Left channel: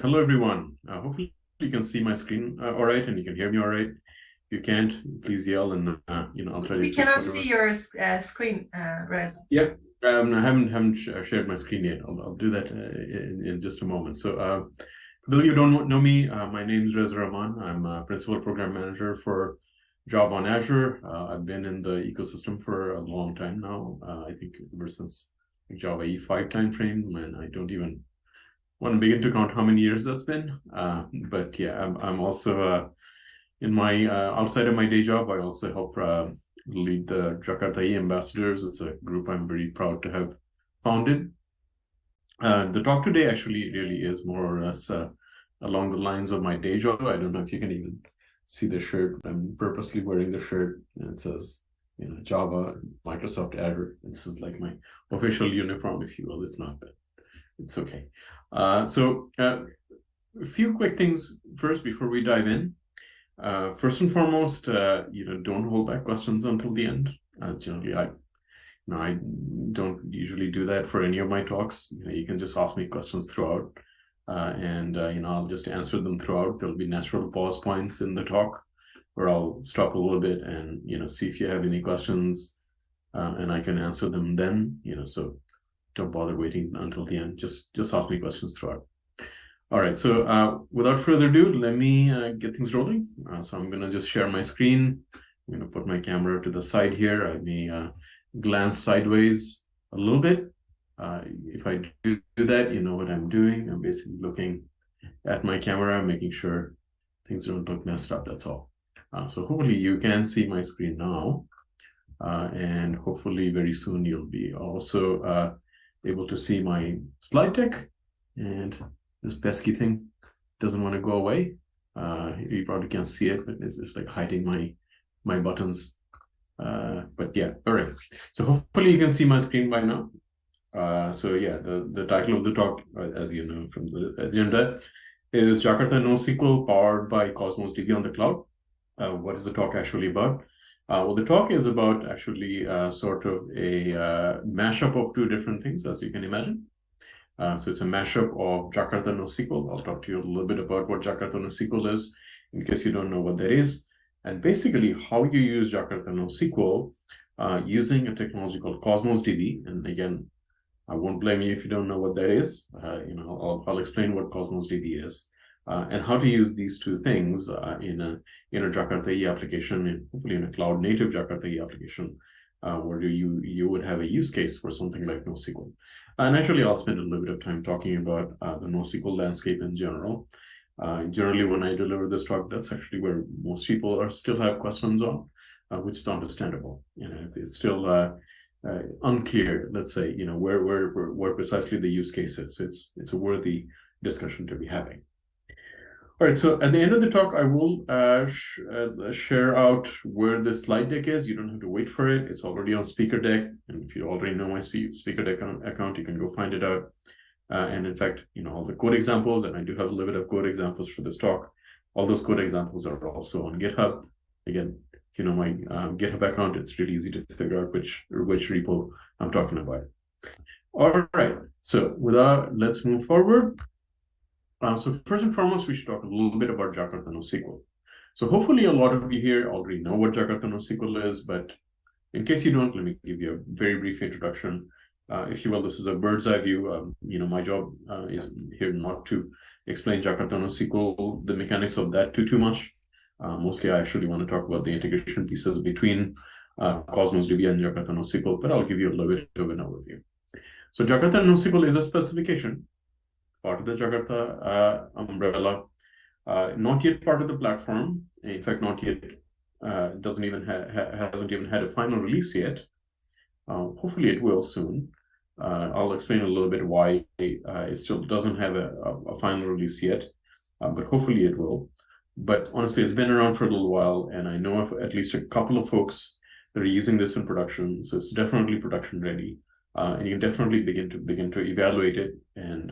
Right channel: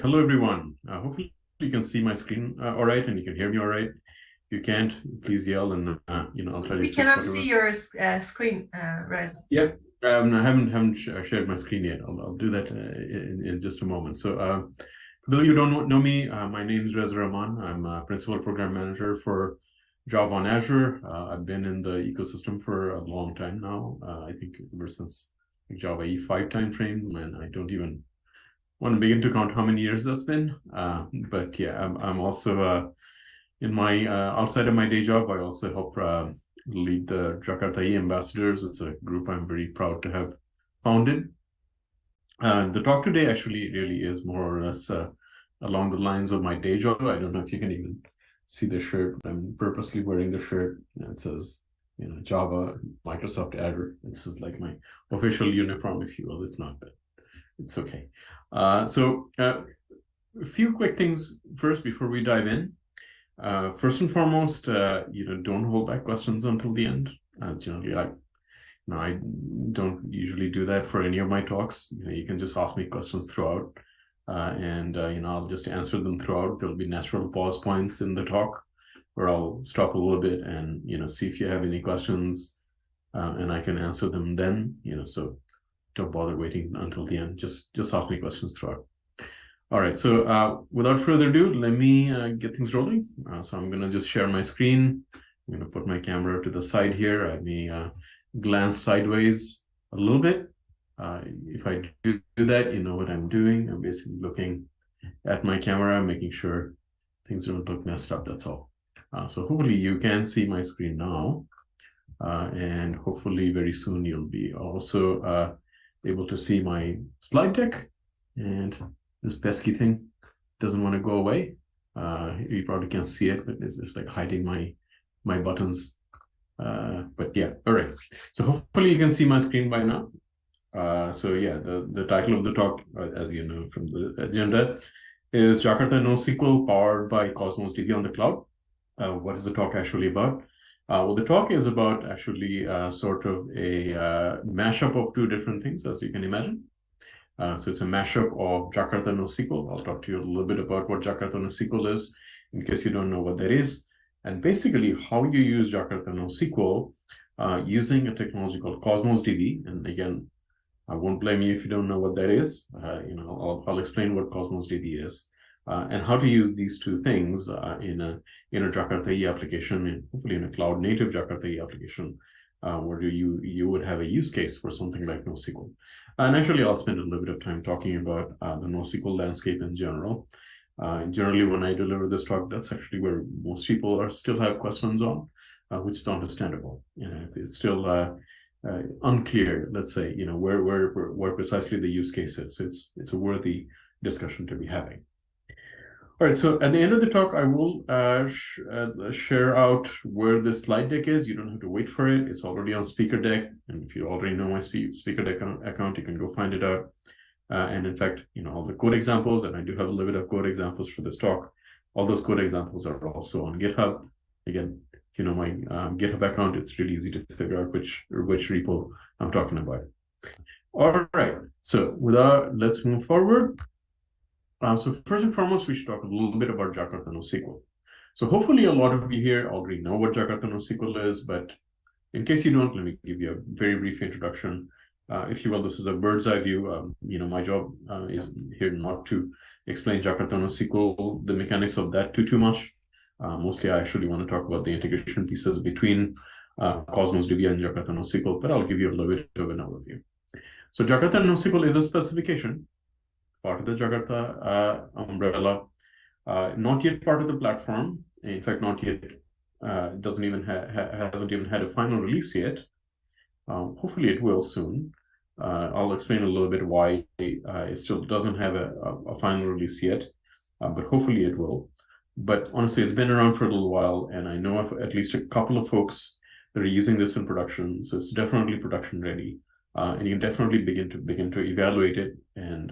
right. Hello, everyone. Hopefully you can see my screen all right, and you can hear me all right. If you can't, please yell, and I'll try to We adjust cannot whatever. see your screen, Reza. Yep. I haven't shared my screen yet. I'll do that in just a moment. So, for those of you who don't know me, my name is Reza Rahman. I'm a principal program manager for Java on Azure. I've been in the ecosystem for a long time now. I think ever since Java EE5 timeframe, and I don't even want to begin to count how many years that's been. But yeah, I'm also in my outside of my day job, I also help lead the Jakarta EE ambassadors. It's a group I'm very proud to have founded. The talk today actually really is more or less along the lines of my day job. I don't know if you can even see the shirt. I'm purposely wearing the shirt. It says, Java, Microsoft Azure. This is like my official uniform, if you will. It's not, but it's okay. A few quick things first before we dive in. First and foremost, don't hold back questions until the end. Generally, I don't usually do that for any of my talks. You can just ask me questions throughout, and I'll just answer them throughout. There'll be natural pause points in the talk where I'll stop a little bit and see if you have any questions, and I can answer them then. So don't bother waiting until the end. Just ask me questions throughout. All right, so without further ado, let me get things rolling. So I'm going to just share my screen. I'm going to put my camera to the side here. I may glance sideways a little bit. If I do that, you know what I'm doing. I'm basically looking at my camera, making sure things don't look messed up, that's all. So hopefully you can see my screen now. And hopefully very soon you'll be also able to see my slide deck. And this pesky thing doesn't want to go away. You probably can't see it, but it's like hiding my buttons. But yeah, all right. So hopefully you can see my screen by now. So yeah, the title of the talk, as you know from the agenda, is Jakarta NoSQL powered by Cosmos DB on the cloud. What is the talk actually about? Well, the talk is about actually sort of a mashup of two different things, as you can imagine. So it's a mashup of Jakarta NoSQL. I'll talk to you a little bit about what Jakarta NoSQL is, in case you don't know what that is, and basically how you use Jakarta NoSQL using a technology called Cosmos DB. And again, I won't blame you if you don't know what that is. I'll explain what Cosmos DB is and how to use these two things in a Jakarta EE application, and hopefully in a cloud native Jakarta EE application, where you would have a use case for something like NoSQL. And actually, I'll spend a little bit of time talking about the NoSQL landscape in general. Generally, when I deliver this talk, that's actually where most people still have questions on, which is understandable. It's still unclear, let's say, where precisely the use case is. It's a worthy discussion to be having. All right, so at the end of the talk, I will share out where the slide deck is. You don't have to wait for it. It's already on Speaker Deck. And if you already know my Speaker Deck account, you can go find it out. And in fact, all the code examples, and I do have a little bit of code examples for this talk. All those code examples are also on GitHub. Again, if you know my GitHub account, it's really easy to figure out which repo I'm talking about. All right, so let's move forward. So first and foremost, we should talk a little bit about Jakarta NoSQL. So hopefully a lot of you here already know what Jakarta NoSQL is, but in case you don't, let me give you a very brief introduction. If you will, this is a bird's eye view. My job is here not to explain Jakarta NoSQL, the mechanics of that too much. Mostly, I actually want to talk about the integration pieces between Cosmos DB and Jakarta NoSQL, but I'll give you a little bit of an overview. So Jakarta NoSQL is a specification, part of the Jakarta umbrella, not yet part of the platform. In fact, not yet, hasn't even had a final release yet. Hopefully it will soon. I'll explain a little bit why it still doesn't have a final release yet, but hopefully it will. But honestly, it's been around for a little while, and I know of at least a couple of folks that are using this in production, so it's definitely production ready. And you can definitely begin to evaluate it, and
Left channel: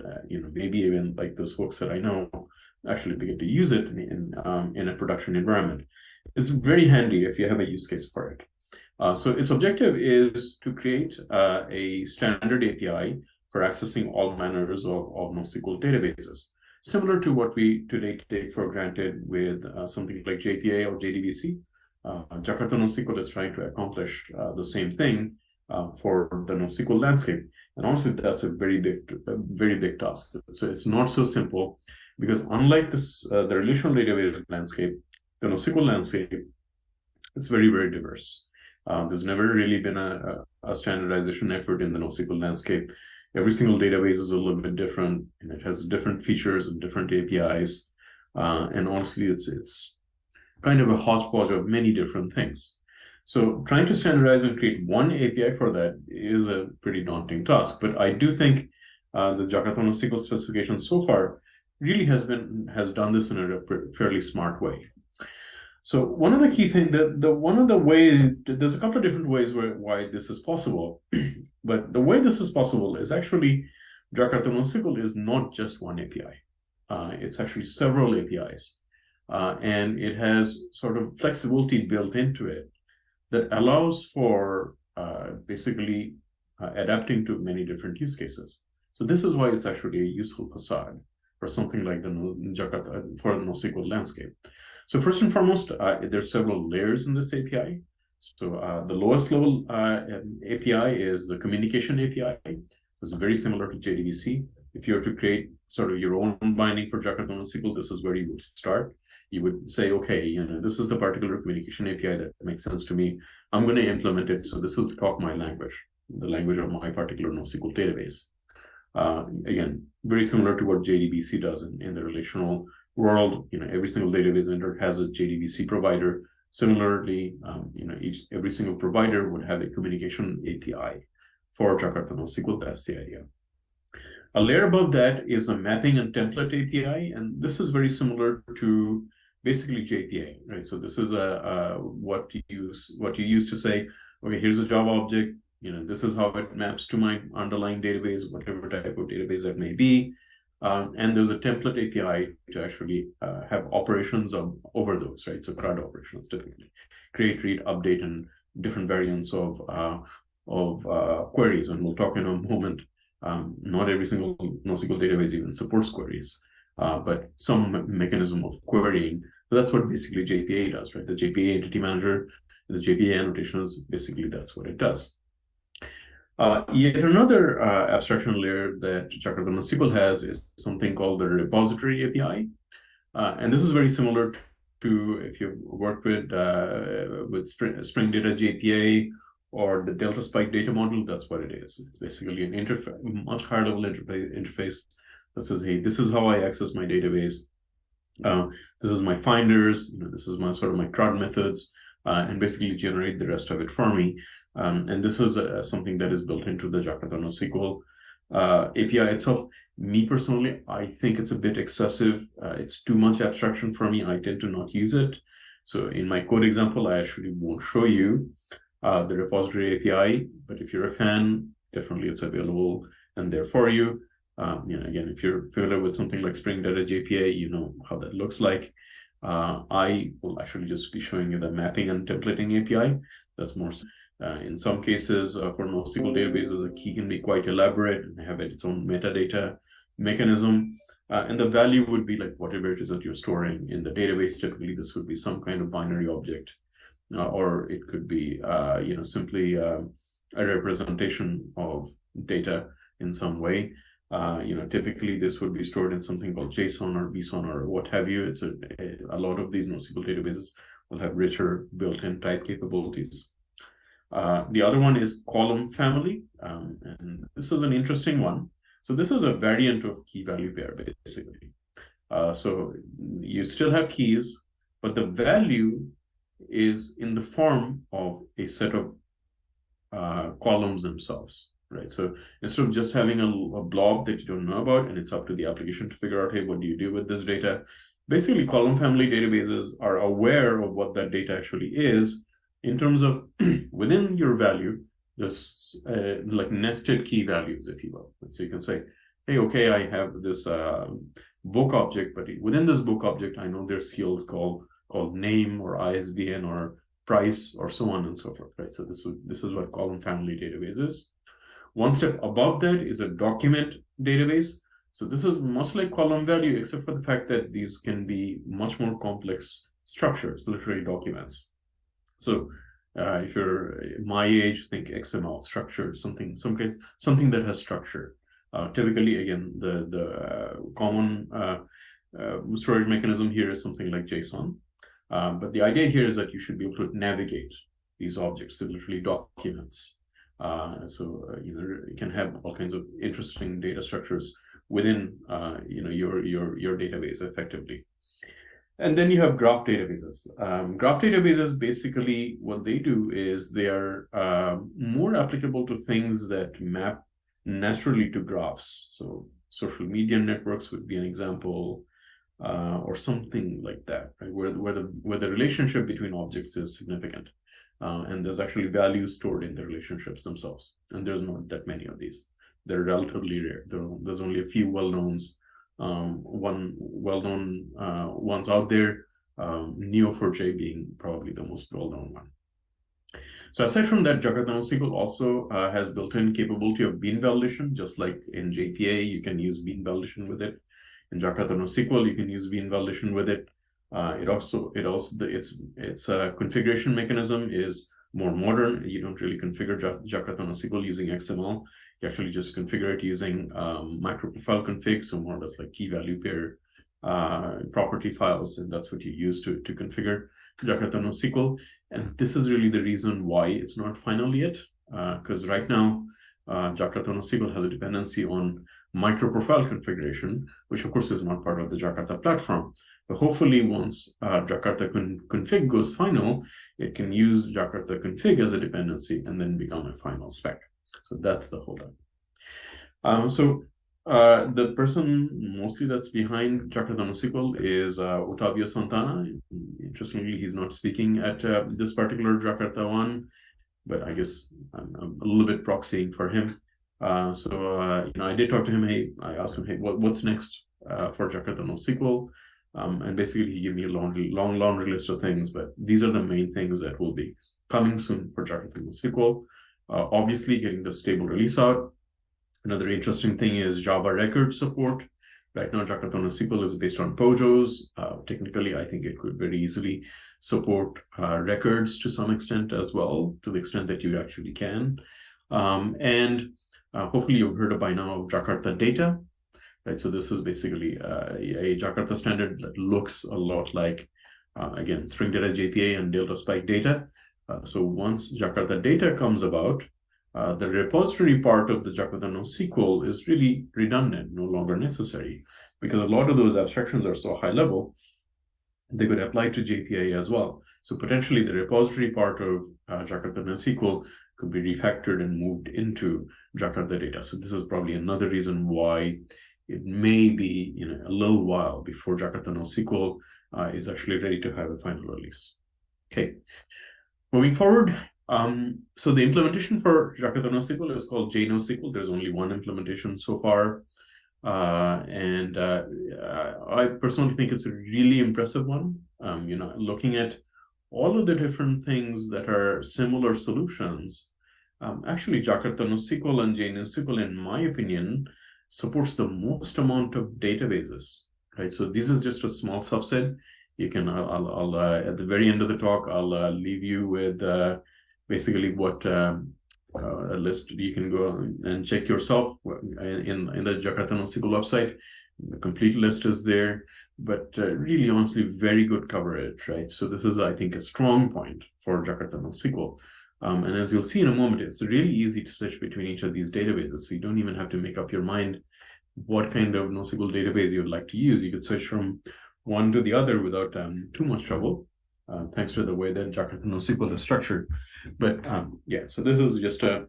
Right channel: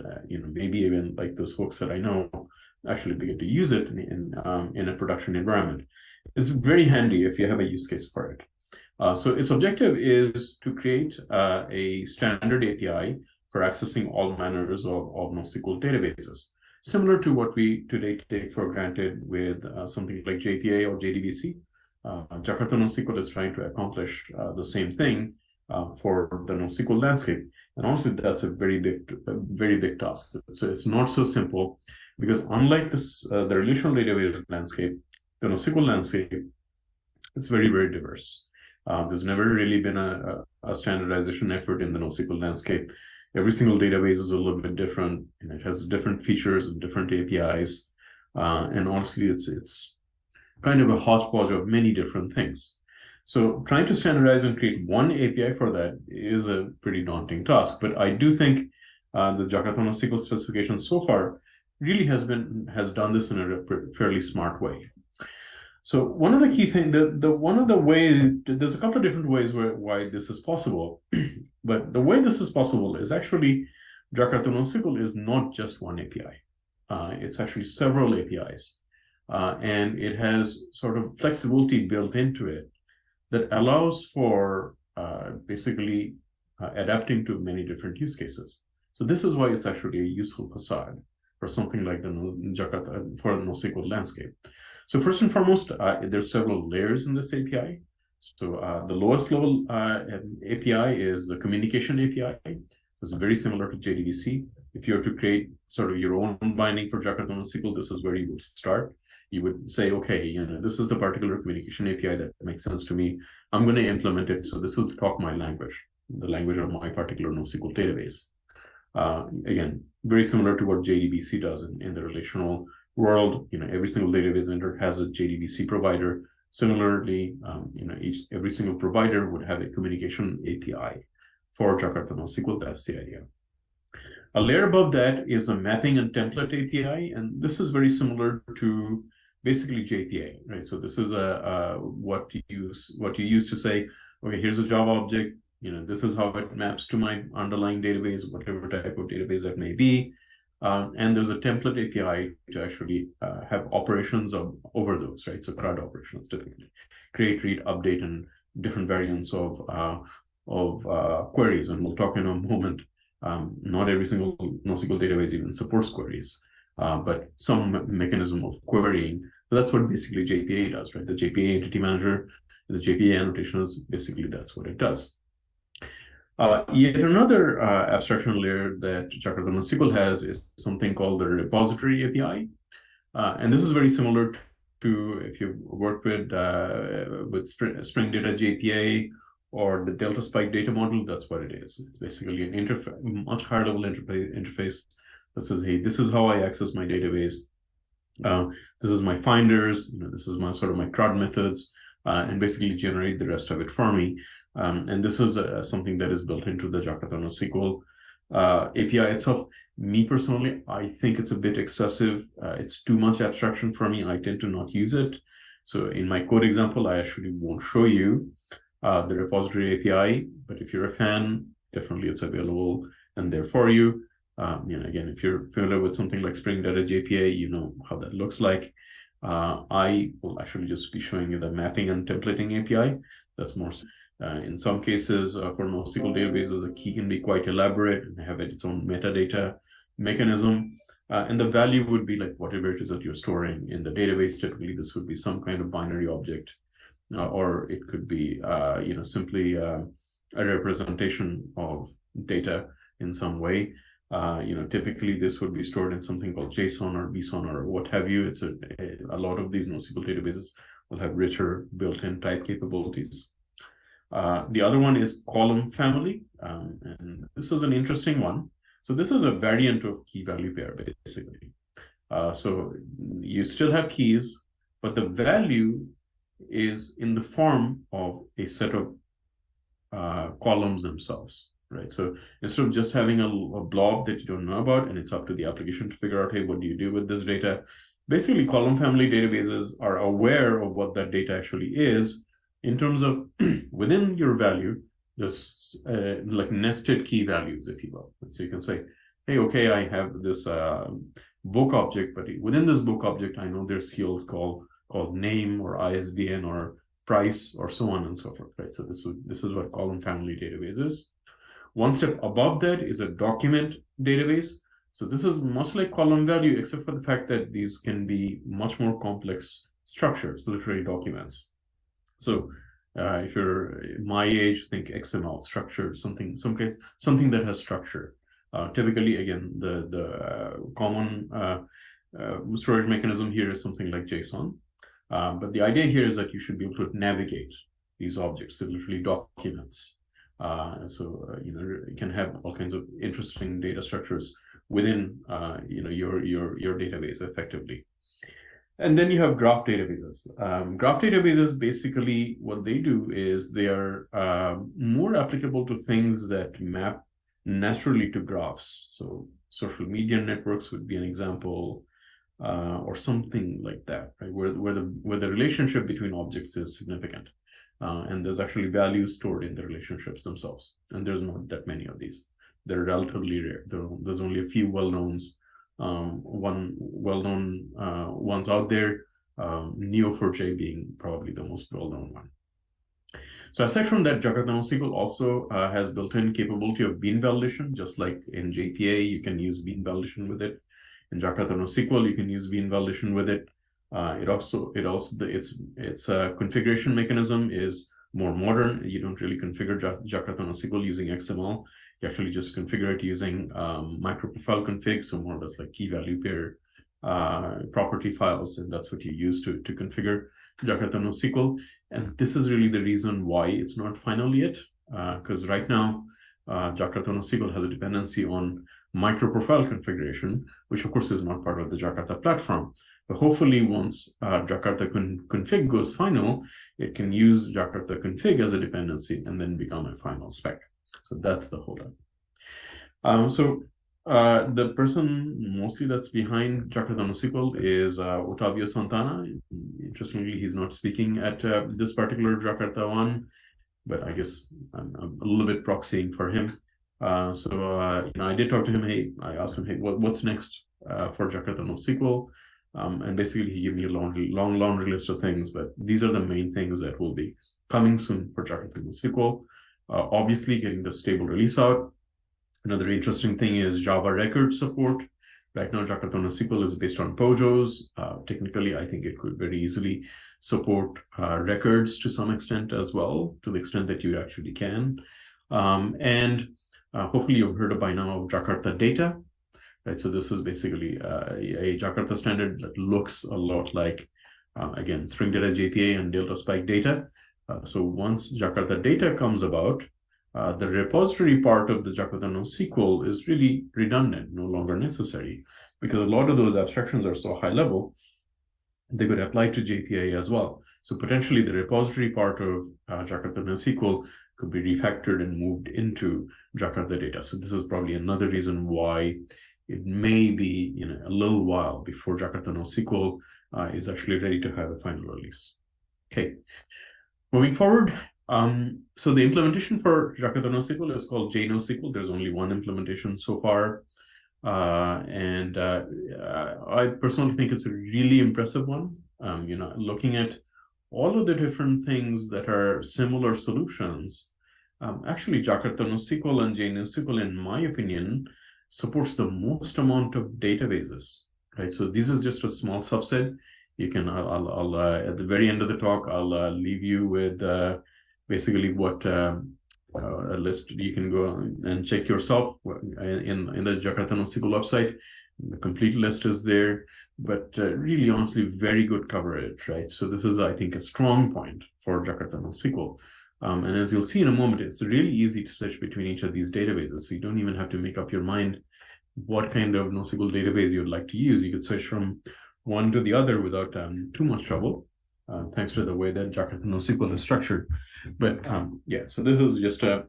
maybe even like those folks that I know actually begin to use it in a production environment. It's very handy if you have a use case for it. So its objective is to create a standard API for accessing all manners of NoSQL databases. similar to what we today take for granted with something like JPA or JDBC. Jakarta NoSQL is trying to accomplish the same thing for the NoSQL landscape. And honestly, that's a very big task. It's not so simple because unlike this, the relational database landscape, the NoSQL landscape, it's very diverse. There's never really been a standardization effort in the NoSQL landscape. Every single database is a little bit different, and it has different features and different APIs. And honestly, it's kind of a hodgepodge of many different things. So trying to standardize and create one API for that is a pretty daunting task. But I do think the Jakarta NoSQL specification so far really has done this in a fairly smart way. So one of the key things that one of the ways, there's a couple of different ways why this is possible, but the way this is possible is actually Jakarta NoSQL is not just one API. It's actually several APIs, and it has sort of flexibility built into it that allows for basically adapting to many different use cases. So this is why it's actually a useful facade for something like the Jakarta for the NoSQL landscape. So first and foremost, there's several layers in this API. So the lowest level API is the communication API. It's very similar to JDBC. If you were to create sort of your own binding for Jakarta NoSQL, this is where you would start. You would say, okay, this is the particular communication API that makes sense to me. I'm going to implement it. So this will talk my language, the language of my particular NoSQL database. Again, very similar to what JDBC does in the relational world. Every single database vendor has a JDBC provider. Similarly, every single provider would have a communication API for Jakarta NoSQL. That's the idea. A layer above that is a mapping and template API, and this is very similar to basically JPA, right? So this is what you use to say, okay, here's a Java object. This is how it maps to my underlying database, whatever type of database that may be. And there's a template API to actually have operations over those, right? So CRUD operations typically create, read, update, and different variants of queries. And we'll talk in a moment. Not every single NoSQL database even supports queries, but some mechanism of querying. So that's what basically JPA does, right? The JPA entity manager, the JPA annotation is basically that's what it does. Yet another abstraction layer that Jakarta NoSQL has is something called the repository API. And this is very similar to if you've worked with Spring Data JPA or the Delta Spike data model, that's what it is. It's basically an much higher level interface that says, hey, this is how I access my database. This is my finders, this is my sort of my CRUD methods, and basically generate the rest of it for me. And this is something that is built into the Jakarta NoSQL API itself. Me personally, I think it's a bit excessive. It's too much abstraction for me. I tend to not use it. So in my code example, I actually won't show you the repository API, but if you're a fan, definitely it's available and there for you. Again, if you're familiar with something like Spring Data JPA, you know how that looks like. I will actually just be showing you the mapping and templating API. That's more in some cases for NoSQL databases, the key can be quite elaborate and have its own metadata mechanism. And the value would be like whatever it is that you're storing in the database. Typically, this would be some kind of binary object, or it could be simply a representation of data in some way. Typically this would be stored in something called JSON or BSON or what have you. It's a lot of these NoSQL databases will have richer built-in type capabilities. The other one is column family, and this is an interesting one. So this is a variant of key value pair, basically. So you still have keys, but the value is in the form of a set of columns themselves, right? So instead of just having a blob that you don't know about, and it's up to the application to figure out, hey, what do you do with this data? Basically, column family databases are aware of what that data actually is in terms of within your value, there's like nested key values, if you will. So you can say, hey, okay, I have this book object, but within this book object, I know there's fields called name or ISBN or price or so on and so forth, right? So this is what column family database is. One step above that is a document database. So this is much like column value, except for the fact that these can be much more complex structures, literary documents. So if you're my age, think XML structure, something that has structure. Typically, again, the common storage mechanism here is something like JSON. But the idea here is that you should be able to navigate these objects, so literally documents. You can have all kinds of interesting data structures within your database effectively. And then you have graph databases. Graph databases, basically what they do is they are more applicable to things that map naturally to graphs. So social media networks would be an example, or something like that, right? Where the relationship between objects is significant, and there's actually value stored in the relationships themselves. And there's not that many of these. They're relatively rare. There's only a few one well-known ones out there, Neo4j being probably the most well-known one. So aside from that, Jakarta NoSQL also has built-in capability of bean validation, just like in JPA, you can use bean validation with it. In Jakarta NoSQL, you can use bean validation with it. Its configuration mechanism is more modern. You don't really configure Jakarta NoSQL using XML. You actually just configure it using microprofile config, so more or less like key value pair property files, and that's what you use to configure Jakarta NoSQL. And this is really the reason why it's not final yet, because right now Jakarta NoSQL has a dependency on microprofile configuration, which of course is not part of the Jakarta platform. But hopefully once Jakarta config goes final, it can use Jakarta config as a dependency and then become a final spec. So that's the holdup. The person mostly that's behind Jakarta NoSQL is Otavio Santana. Interestingly, he's not speaking at this particular Jakarta one, but I guess I'm a little bit proxying for him. I did talk to him. I asked him, hey, what's next for Jakarta NoSQL? And basically, he gave me a long laundry list of things, but these are the main things that will be coming soon for Jakarta NoSQL. Obviously, getting the stable release out. Another interesting thing is Java record support. Right now, Jakarta NoSQL is based on POJOs. Technically, I think it could very easily support records to some extent as well, to the extent that you actually can. Hopefully you've heard by now of Jakarta Data, right? So this is basically a Jakarta standard that looks a lot like, again, string data JPA and Delta Spike data. So once Jakarta Data comes about, the repository part of the Jakarta NoSQL is really redundant, no longer necessary, because a lot of those abstractions are so high level, they could apply to JPA as well. So potentially the repository part of Jakarta NoSQL could be refactored and moved into Jakarta Data. So this is probably another reason why it may be a little while before Jakarta NoSQL is actually ready to have a final release. Okay, moving forward. So the implementation for Jakarta NoSQL is called JNoSQL. There's only one implementation so far. I personally think it's a really impressive one. Looking at all of the different things that are similar solutions, actually Jakarta NoSQL and JNoSQL, in my opinion, supports the most amount of databases, right? So this is just a small subset. You can, I'll at the very end of the talk, I'll leave you with basically what a list you can go and check yourself in the Jakarta NoSQL website. The complete list is there, but really honestly, very good coverage, right? So this is, I think, a strong point for Jakarta NoSQL. And as you'll see in a moment, it's really easy to switch between each of these databases. So you don't even have to make up your mind what kind of NoSQL database you would like to use. You could switch from one to the other without too much trouble, thanks to the way that Jakarta NoSQL is structured. But yeah, so this is just a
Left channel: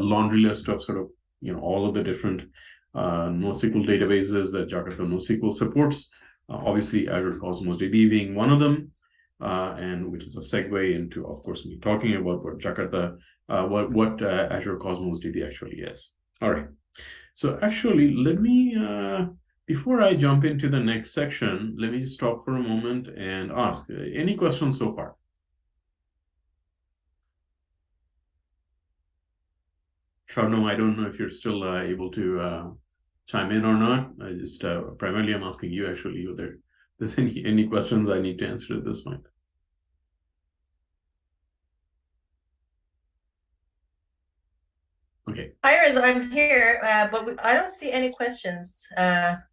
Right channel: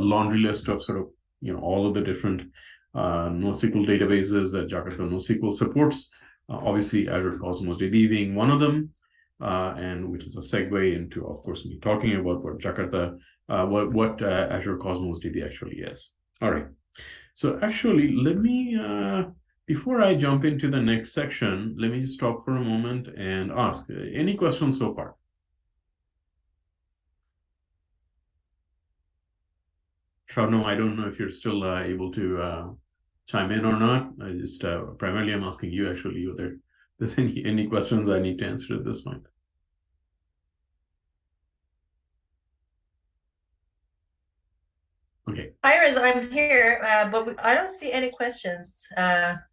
laundry list of sort of all of the different NoSQL databases that Jakarta NoSQL supports. Obviously, Azure Cosmos DB being one of them, and which is a segue into, of course, me talking about what Azure Cosmos DB actually is. All right. So actually, let me before I jump into the next section, let me stop for a moment and ask any questions so far. Sharno, I don't know if you're still able to chime in or not. I just primarily I'm asking you actually whether there's any questions I need to answer at this point. Okay. Hi, Reza, I'm here, but I don't see any questions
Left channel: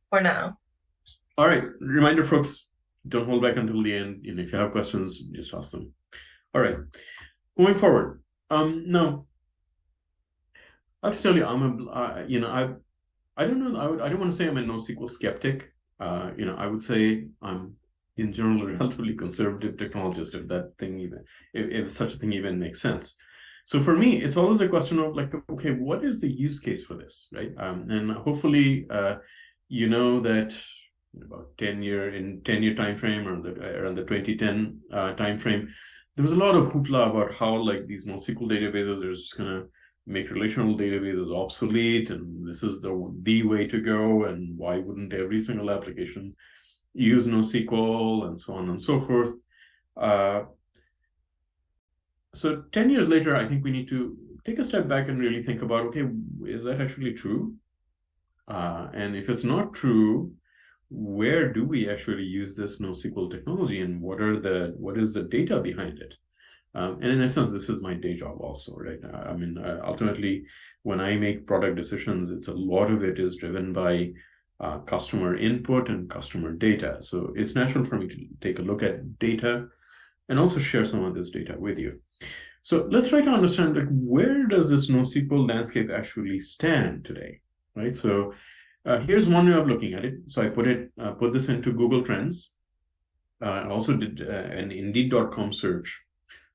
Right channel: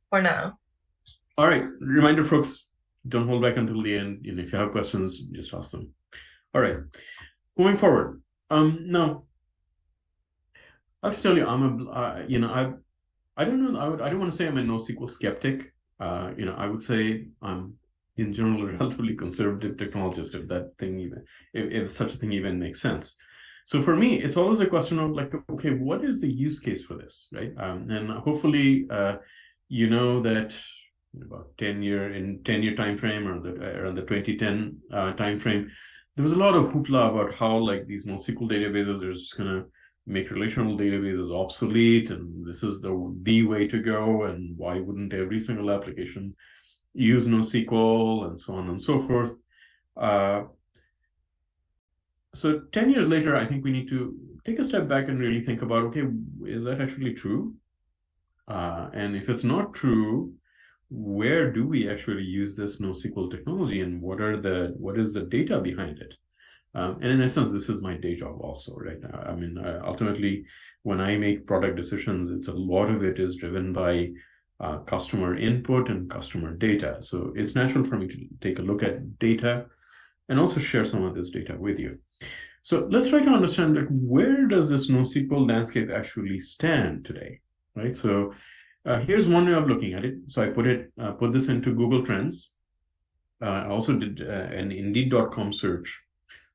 for now. All right. Reminder, folks, don't hold back until the end. If you have questions, just ask them. All right. Going forward. Now, I have to tell you, I don't know. I don't want to say I'm a NoSQL skeptic. I would say I'm in general a relatively conservative technologist, if such a thing even makes sense. So for me, it's always a question of like, okay, what is the use case for this, right? And hopefully, you know that about 10-year time frame or around the 2010 time frame, there was a lot of hoopla about how like these NoSQL databases are just gonna make relational databases obsolete, and this is the way to go, and why wouldn't every single application use NoSQL, and so on and so forth. So 10 years later, I think we need to take a step back and really think about, okay, is that actually true? And if it's not true, where do we actually use this NoSQL technology, and what is the data behind it? And in essence, this is my day job also, right? I mean, ultimately, when I make product decisions, it's a lot of it is driven by customer input and customer data. So it's natural for me to take a look at data and also share some of this data with you. So let's try to understand, like, where does this NoSQL landscape actually stand today, right? So here's one way of looking at it. So I put this into Google Trends. I also did an Indeed.com search.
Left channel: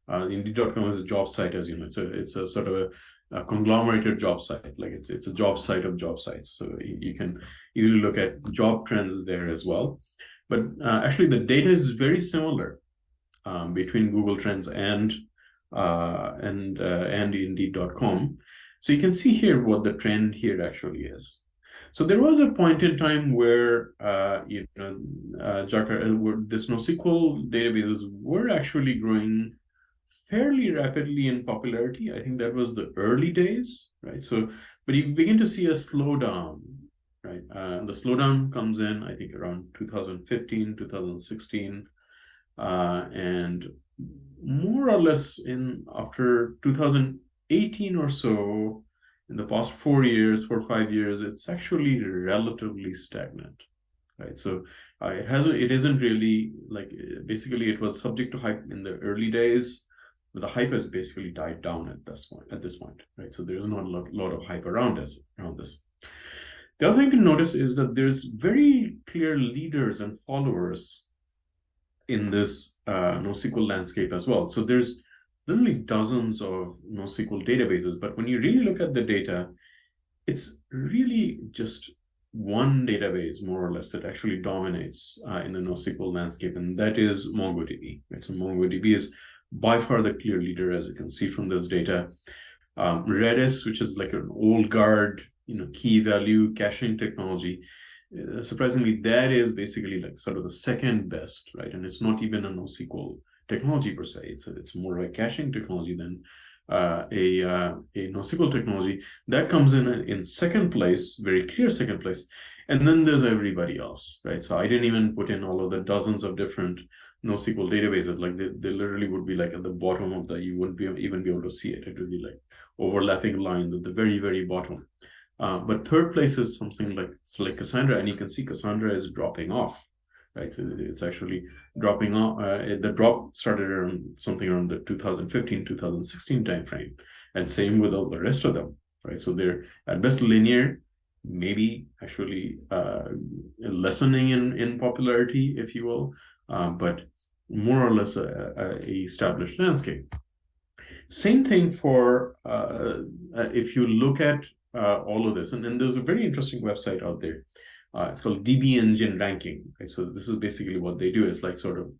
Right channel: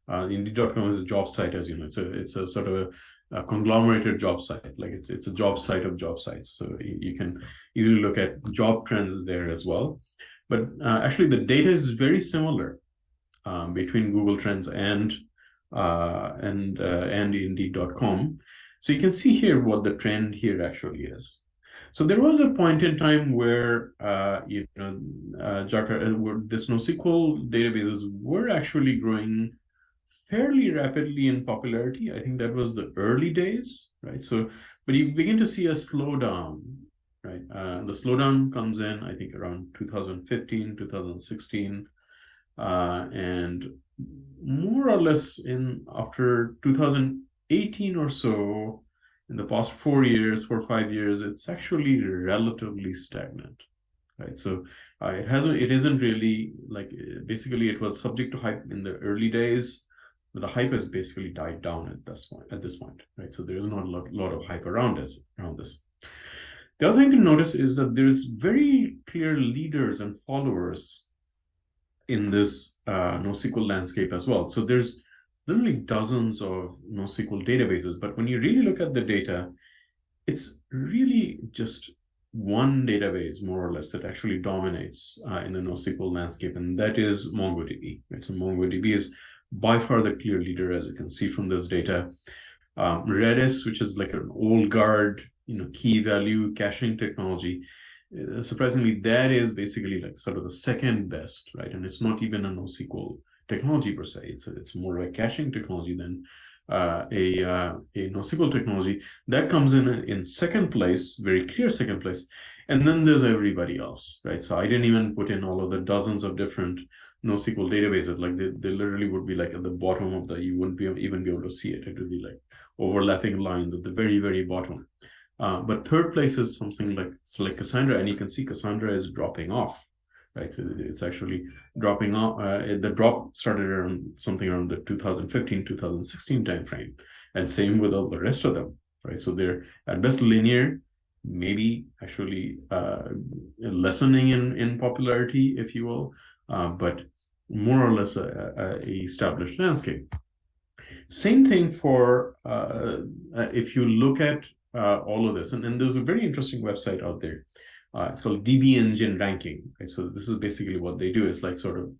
Indeed.com is a job site, as you know. It's a sort of a conglomerated job site. Like it's a job site of job sites. So you can easily look at job trends there as well. But actually, the data is very similar between Google Trends and Indeed.com. So you can see here what the trend here actually is. So there was a point in time where this NoSQL databases were actually growing fairly rapidly in popularity. I think that was the early days, right? So, but you begin to see a slowdown, right? The slowdown comes in, I think, around 2015, 2016, and more or less in after 2018 or so, in the past 4 years, 5 years, it's actually relatively stagnant, right? So it isn't really like basically it was subject to hype in the early days, but the hype has basically died down at this point, right? So there's not a lot of hype around this. The other thing to notice is that there's very clear leaders and followers in this NoSQL landscape as well. So there's literally dozens of NoSQL databases, but when you really look at the data, it's really just one database, more or less, that actually dominates in the NoSQL landscape, and that is MongoDB. Right? So MongoDB is by far the clear leader, as you can see from this data. Redis, which is like an old guard, key value caching technology, surprisingly, that is basically like sort of the second best, right? And it's not even a NoSQL technology per se. It's more like caching technology than a NoSQL technology. That comes in second place, very clear second place. And then there's everybody else, right? So I didn't even put in all of the dozens of different NoSQL databases. Like they literally would be like at the bottom of you wouldn't even be able to see it. It would be like overlapping lines at the very, very bottom. But third place is something like Cassandra, and you can see Cassandra is dropping off, right? So it's actually dropping off. The drop started around something around the 2015, 2016 timeframe, and same with all the rest of them, right? So they're at best linear, maybe actually lessening in popularity, if you will, but more or less a established landscape. Same thing for if you look at all of this, and there's a very interesting website out there. It's called DB Engine Ranking. Right? So this is basically what they do. It's like sort of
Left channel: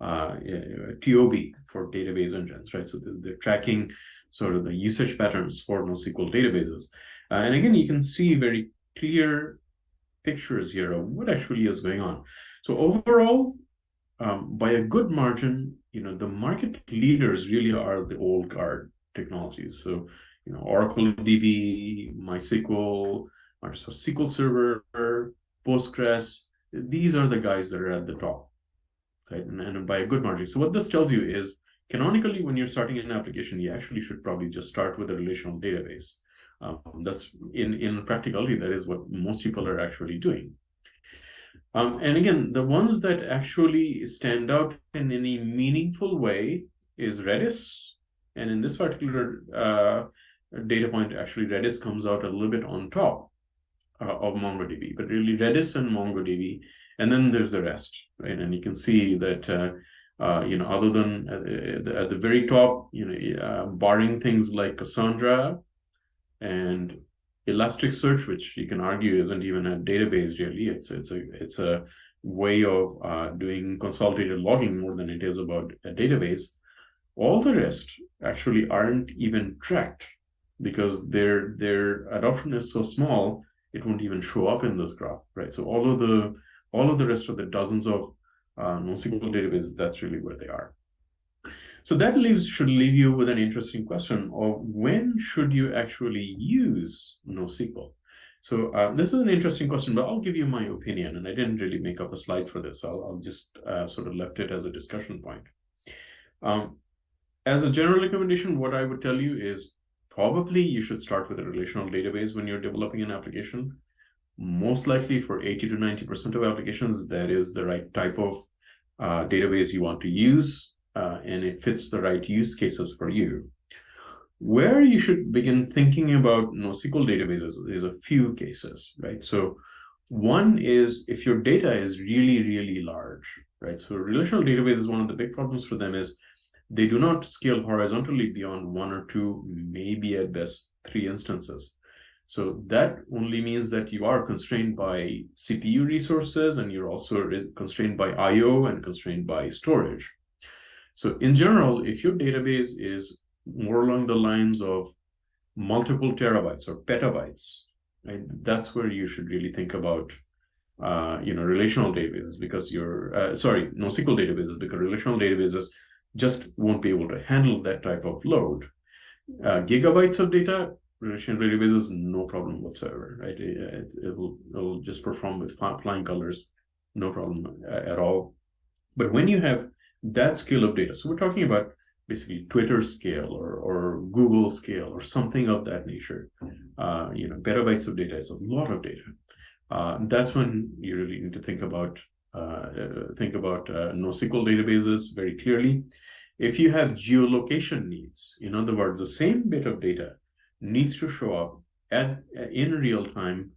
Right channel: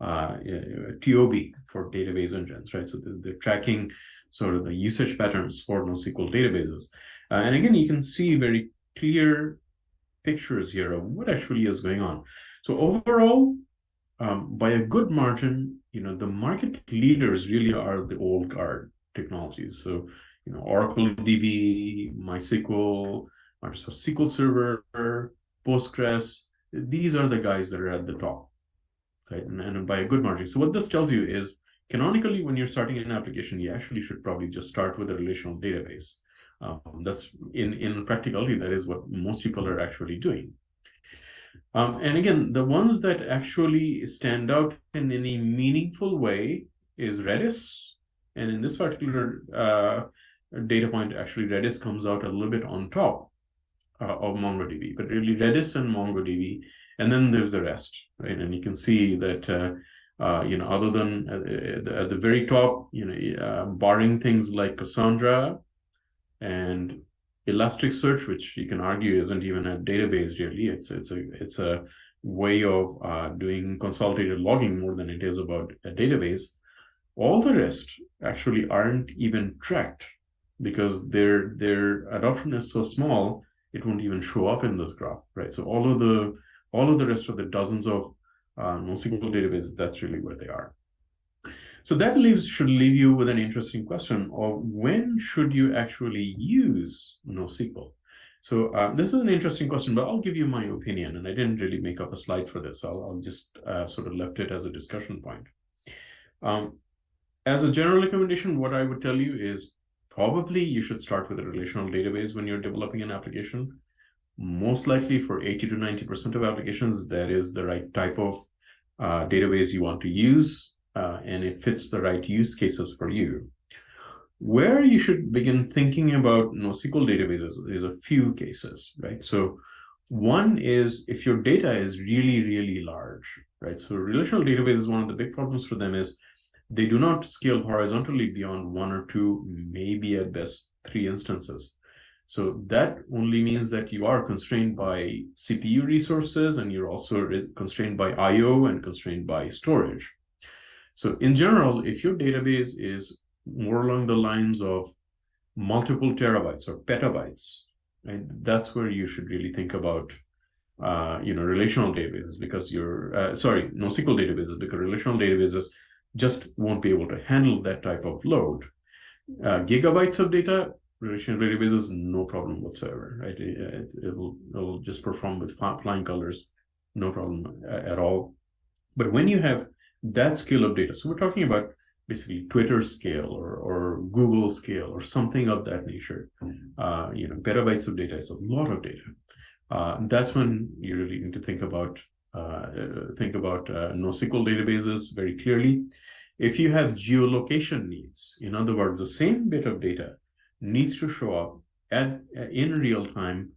TOB for database engines, right? So they're tracking sort of the usage patterns for NoSQL databases. And again, you can see very clear pictures here of what actually is going on. So overall, by a good margin, the market leaders really are the old guard technologies. So Oracle DB, MySQL, Microsoft SQL Server, Postgres. These are the guys that are at the top, right? And by a good margin. So what this tells you is, canonically, when you're starting an application, you actually should probably just start with a relational database. That's in practicality, that is what most people are actually doing. And again, the ones that actually stand out in any meaningful way is Redis. And in this particular data point, actually, Redis comes out a little bit on top of MongoDB, but really Redis and MongoDB, and then there's the rest, right? And you can see that, other than at the very top, barring things like Cassandra and Elasticsearch, which you can argue isn't even a database really. It's a way of doing consolidated logging more than it is about a database. All the rest actually aren't even tracked because their adoption is so small, it won't even show up in this graph, right? So all of the rest of the dozens of NoSQL databases, that's really where they are. So that should leave you with an interesting question of when should you actually use NoSQL? So this is an interesting question, but I'll give you my opinion, and I didn't really make up a slide for this. I'll just sort of left it as a discussion point. As a general recommendation, what I would tell you is probably you should start with a relational database when you're developing an application. Most likely for 80 to 90% of applications, that is the right type of database you want to use, and it fits the right use cases for you. Where you should begin thinking about NoSQL databases is a few cases, right? So one is if your data is really, really large, right? So relational databases, one of the big problems for them is they do not scale horizontally beyond one or two, maybe at best 3 instances. So that only means that you are constrained by CPU resources, and you're also constrained by I/O and constrained by storage. So in general, if your database is more along the lines of multiple terabytes or petabytes, right, that's where you should really think about relational databases, because NoSQL databases, because relational databases just won't be able to handle that type of load. Gigabytes of data, relational databases, no problem whatsoever, right? It'll just perform with flying colors, no problem at all. But when you have that scale of data, so we're talking about basically Twitter scale or Google scale or something of that nature, petabytes of data is a lot of data. That's when you really need to think about NoSQL databases very clearly. If you have geolocation needs, in other words, the same bit of data needs to show up in real time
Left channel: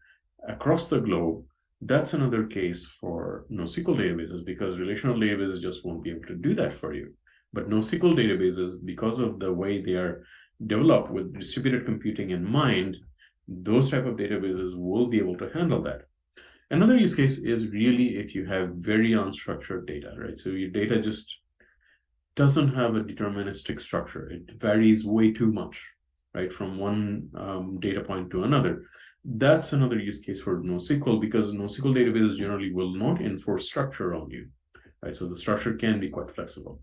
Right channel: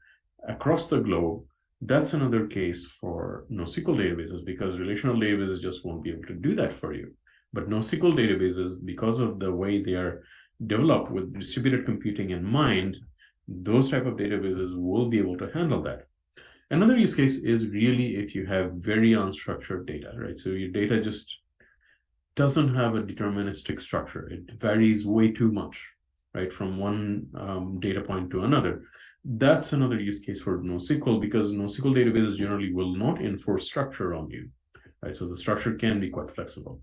across the globe, that's another case for NoSQL databases, because relational databases just won't be able to do that for you. But NoSQL databases, because of the way they are developed with distributed computing in mind, those type of databases will be able to handle that. Another use case is really if you have very unstructured data, right? So your data just doesn't have a deterministic structure. It varies way too much, right, from one data point to another. That's another use case for NoSQL, because NoSQL databases generally will not enforce structure on you, right? So the structure can be quite flexible.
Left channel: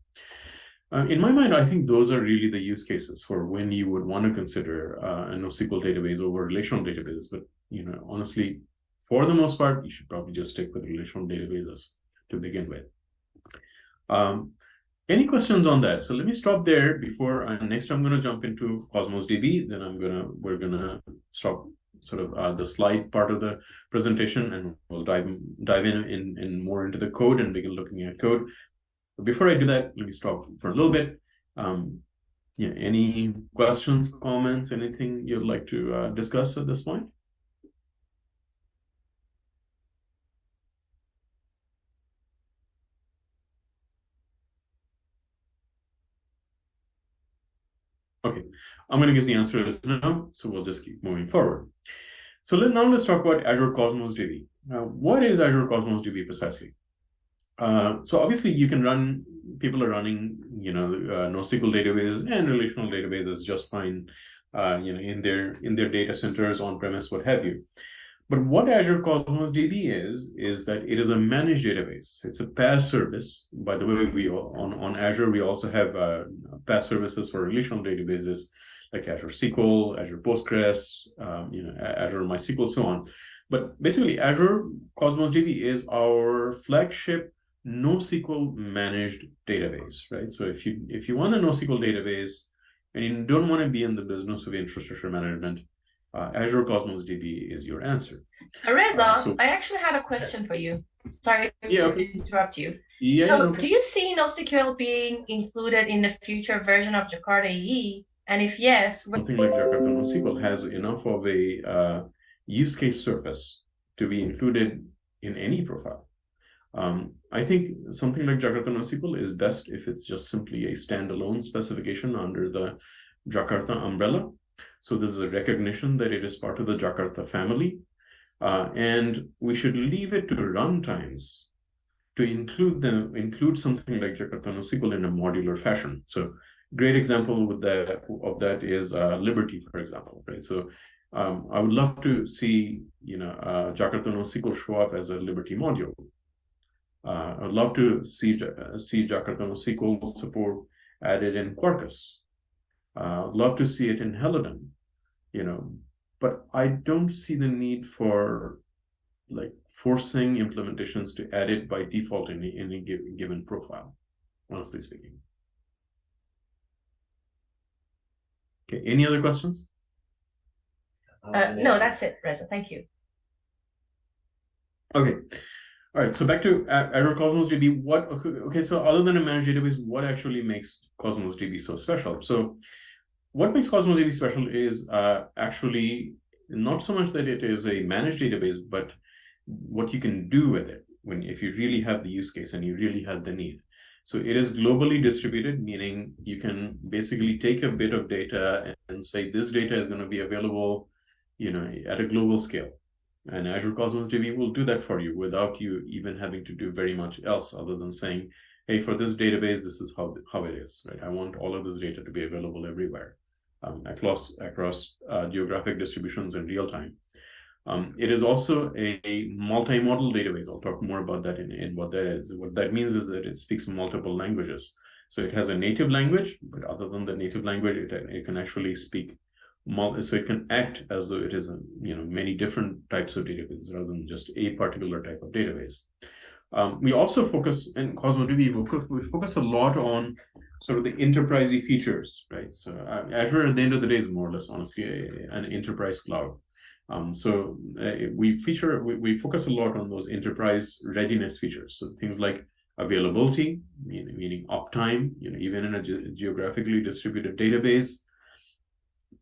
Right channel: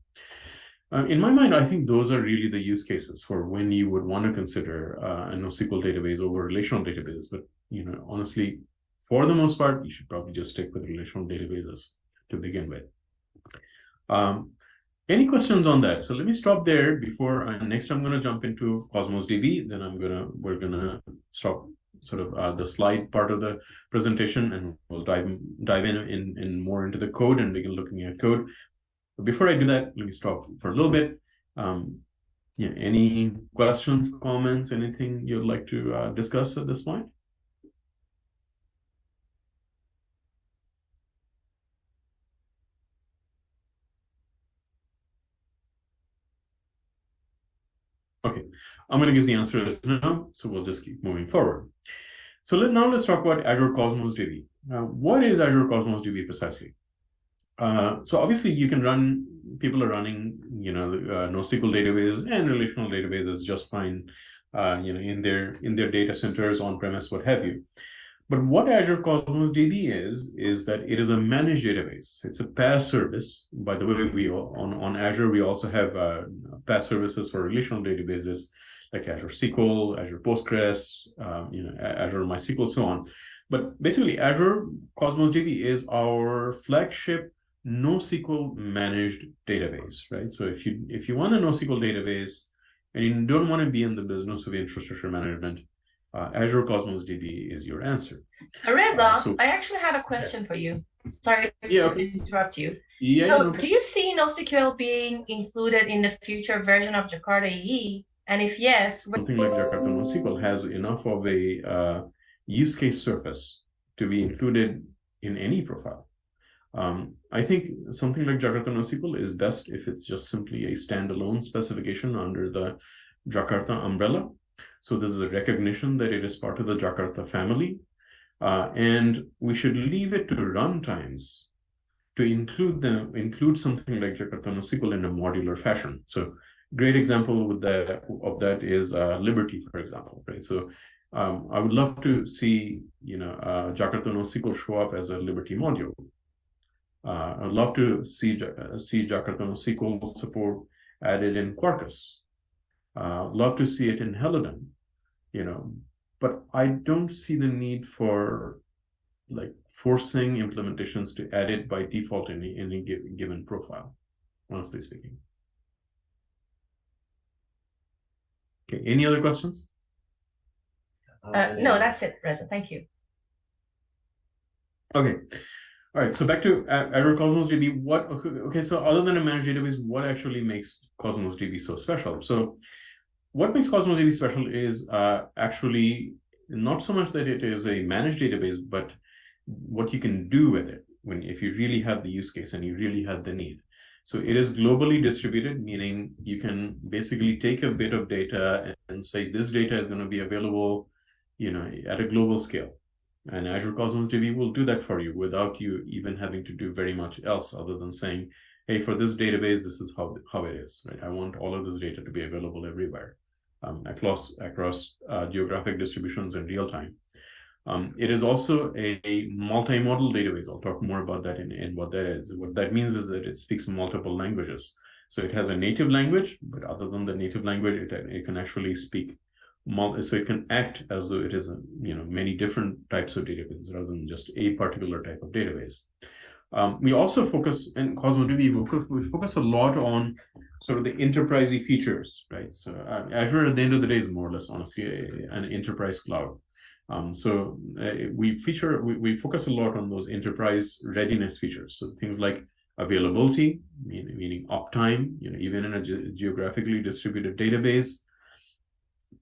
In my mind, I think those are really the use cases for when you would want to consider a NoSQL database over relational databases. But honestly, for the most part, you should probably just stick with relational databases to begin with. Any questions on that? So let me stop there before next I'm going to jump into Cosmos DB. Then we're gonna stop sort of the slide part of the presentation, and we'll dive in more into the code and begin looking at code. But before I do that, let me stop for a little bit. Any questions, comments, anything you'd like to discuss at this point? Okay, I'm going to give the answer as no, so we'll just keep moving forward. So let's talk about Azure Cosmos DB. What is Azure Cosmos DB precisely? So obviously people are running, NoSQL databases and relational databases just fine, in their data centers, on premise, what have you. But what Azure Cosmos DB is that it is a managed database. It's a PaaS service. By the way, on Azure, we also have PaaS services for relational databases like Azure SQL, Azure Postgres, Azure MySQL, so on. But basically, Azure Cosmos DB is our flagship NoSQL managed database, right? So if you want a NoSQL database and you don't want to be in the business of infrastructure management, Azure Cosmos DB is your answer. Reza, I actually have a question for you. Sorry to interrupt you. So do you see NoSQL being included in the future version of Jakarta EE? And if yes, something like Jakarta NoSQL has enough of a use case surface to be included in any profile. I think something like Jakarta NoSQL is best if it's just simply a standalone specification under the Jakarta umbrella. So this is a recognition that it is part of the Jakarta family. And we should leave it to runtimes to include something like Jakarta NoSQL in a modular fashion. So great example of that is Liberty, for example, right? So I would love to see Jakarta NoSQL show up as a Liberty module. I'd love to see Jakarta NoSQL support added in Quarkus. Love to see it in Helidon, but I don't see the need for like forcing implementations to add it by default in any given profile, honestly speaking. Okay, any other questions? No, that's it, Reza. Thank you. Okay. All right, so back to Azure Cosmos DB. Okay, so other than a managed database, what actually makes Cosmos DB so special? So what makes Cosmos DB special is actually not so much that it is a managed database, but what you can do with it if you really have the use case and you really have the need. So it is globally distributed, meaning you can basically take a bit of data and say this data is going to be available, at a global scale. And Azure Cosmos DB will do that for you without you even having to do very much else other than saying, hey, for this database, this is how it is, right? I want all of this data to be available everywhere, across geographic distributions in real time. It is also a multi-modal database. I'll talk more about that in what that is. What that means is that it speaks multiple languages. So it has a native language, but other than the native language, it can actually speak so it can act as though it is many different types of databases rather than just a particular type of database. We also focus in Cosmos DB. We focus a lot on sort of the enterprisey features, right? So Azure at the end of the day is more or less, honestly, an enterprise cloud. So we focus a lot on those enterprise readiness features. So things like availability, meaning uptime, even in a geographically distributed database.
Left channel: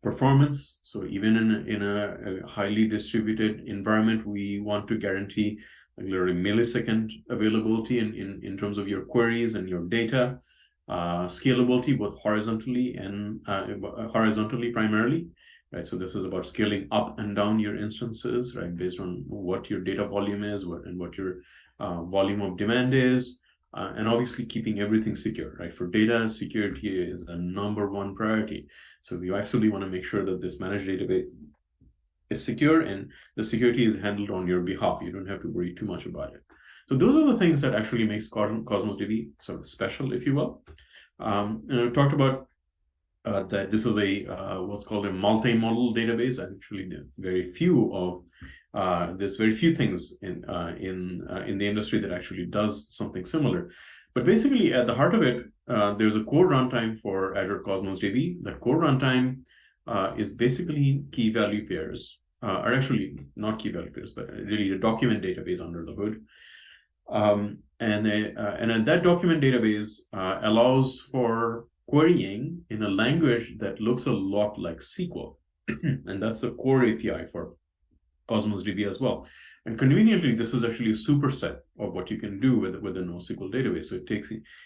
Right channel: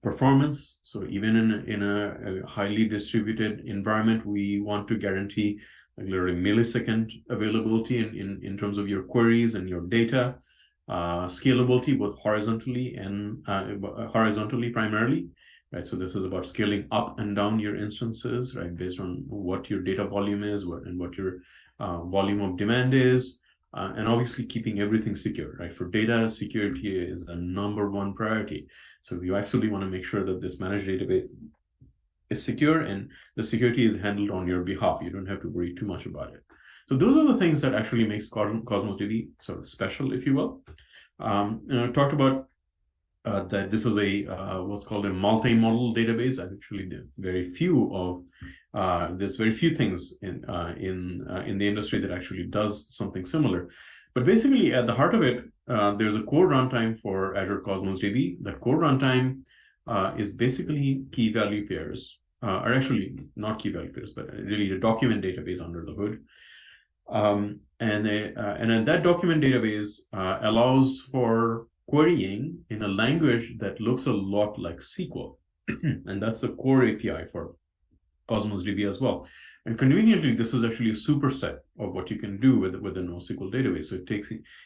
Performance, so even in a highly distributed environment, we want to guarantee literally millisecond availability in terms of your queries and your data. Scalability, both horizontally and horizontally primarily, right? So this is about scaling up and down your instances, right, based on what your data volume is and what your volume of demand is. And obviously keeping everything secure, right? For data, security is the #1 priority. So you actually want to make sure that this managed database is secure and the security is handled on your behalf. You don't have to worry too much about it. So those are the things that actually makes Cosmos DB sort of special, if you will. I talked about that this is a what's called a multi-model database. Actually, there's very few things in the industry that actually does something similar. But basically, at the heart of it, there's a core runtime for Azure Cosmos DB. That core runtime is basically key value pairs, or actually not key value pairs, but really a document database under the hood. And that document database allows for querying in a language that looks a lot like SQL. And that's the core API for Cosmos DB as well. And conveniently, this is actually a superset of what you can do with a NoSQL database. So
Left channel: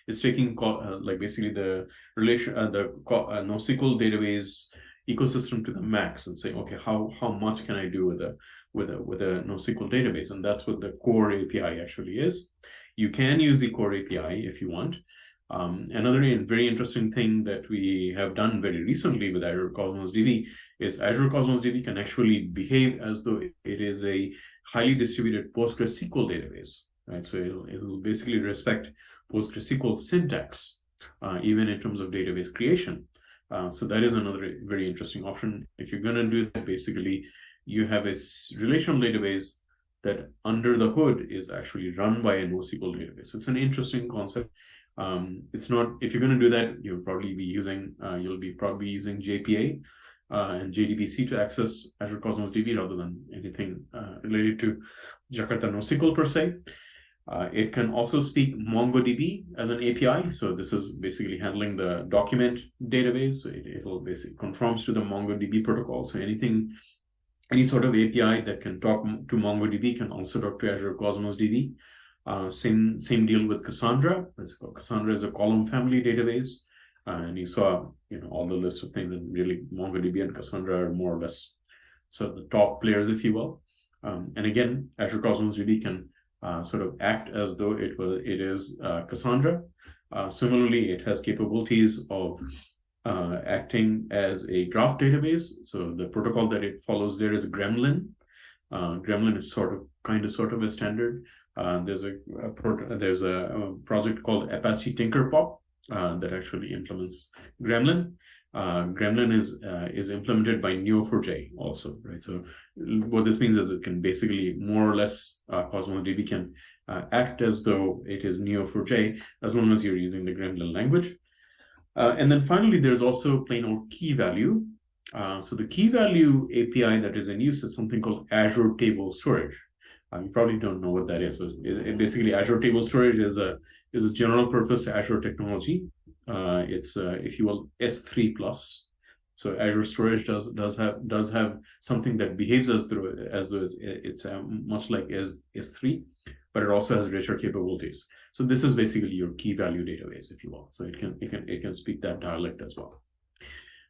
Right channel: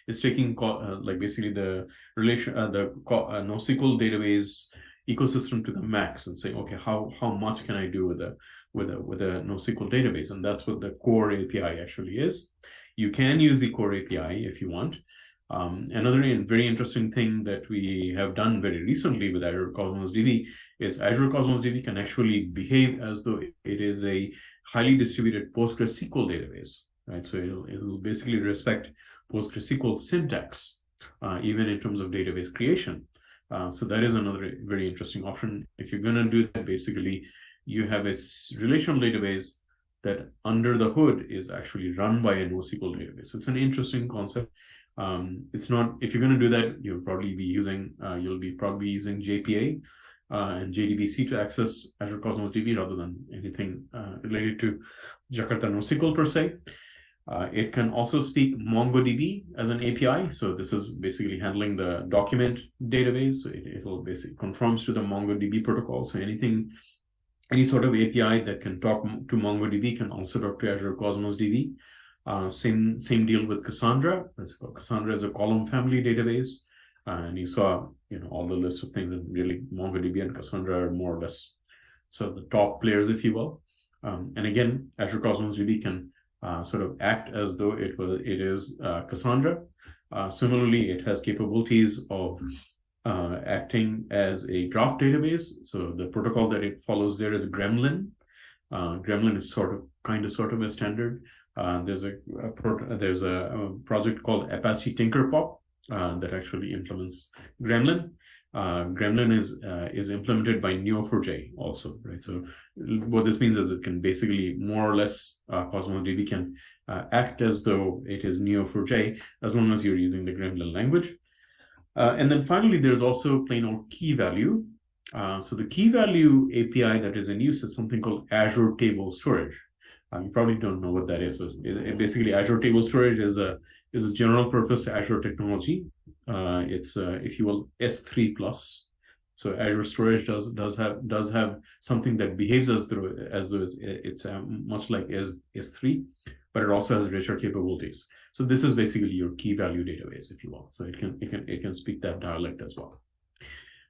it's taking like basically the NoSQL database ecosystem to the max and saying, okay, how much can I do with a NoSQL database? And that's what the core API actually is. You can use the core API if you want. Another very interesting thing that we have done very recently with Azure Cosmos DB is Azure Cosmos DB can actually behave as though it is a highly distributed PostgreSQL database, right? So it'll basically respect PostgreSQL syntax, even in terms of database creation. So that is another very interesting option. If you're going to do that, basically, you have a relational database that under the hood is actually run by a NoSQL database. So it's an interesting concept. It's not, if you're going to do that, you'll probably be using JPA and JDBC to access Azure Cosmos DB rather than anything related to Jakarta NoSQL per se. It can also speak MongoDB as an API. So this is basically handling the document database. So it will basically conforms to the MongoDB protocol. So any sort of API that can talk to MongoDB can also talk to Azure Cosmos DB. Same deal with Cassandra. Cassandra is a column family database, and you saw all the list of things, and really MongoDB and Cassandra are more or less so the top players, if you will. And again, Azure Cosmos DB can sort of act as though it is Cassandra. Similarly, it has capabilities of acting as a graph database. So the protocol that it follows there is Gremlin. Gremlin is sort of a standard. There's a project called Apache Tinkerpop that actually implements Gremlin. Gremlin is implemented by Neo4j also, right? So what this means is it can basically more or less Cosmos DB can act as though it is Neo4j as long as you're using the Gremlin language. And then finally, there's also plain old key value. So the key value API that is in use is something called Azure Table Storage. You probably don't know what that is. So basically, Azure Table Storage is a general purpose Azure technology. It's if you will S3 plus. So Azure Storage does have something that behaves as though it's much like S3, but it also has richer capabilities. So this is basically your key value database, if you will. So it can speak that dialect as well.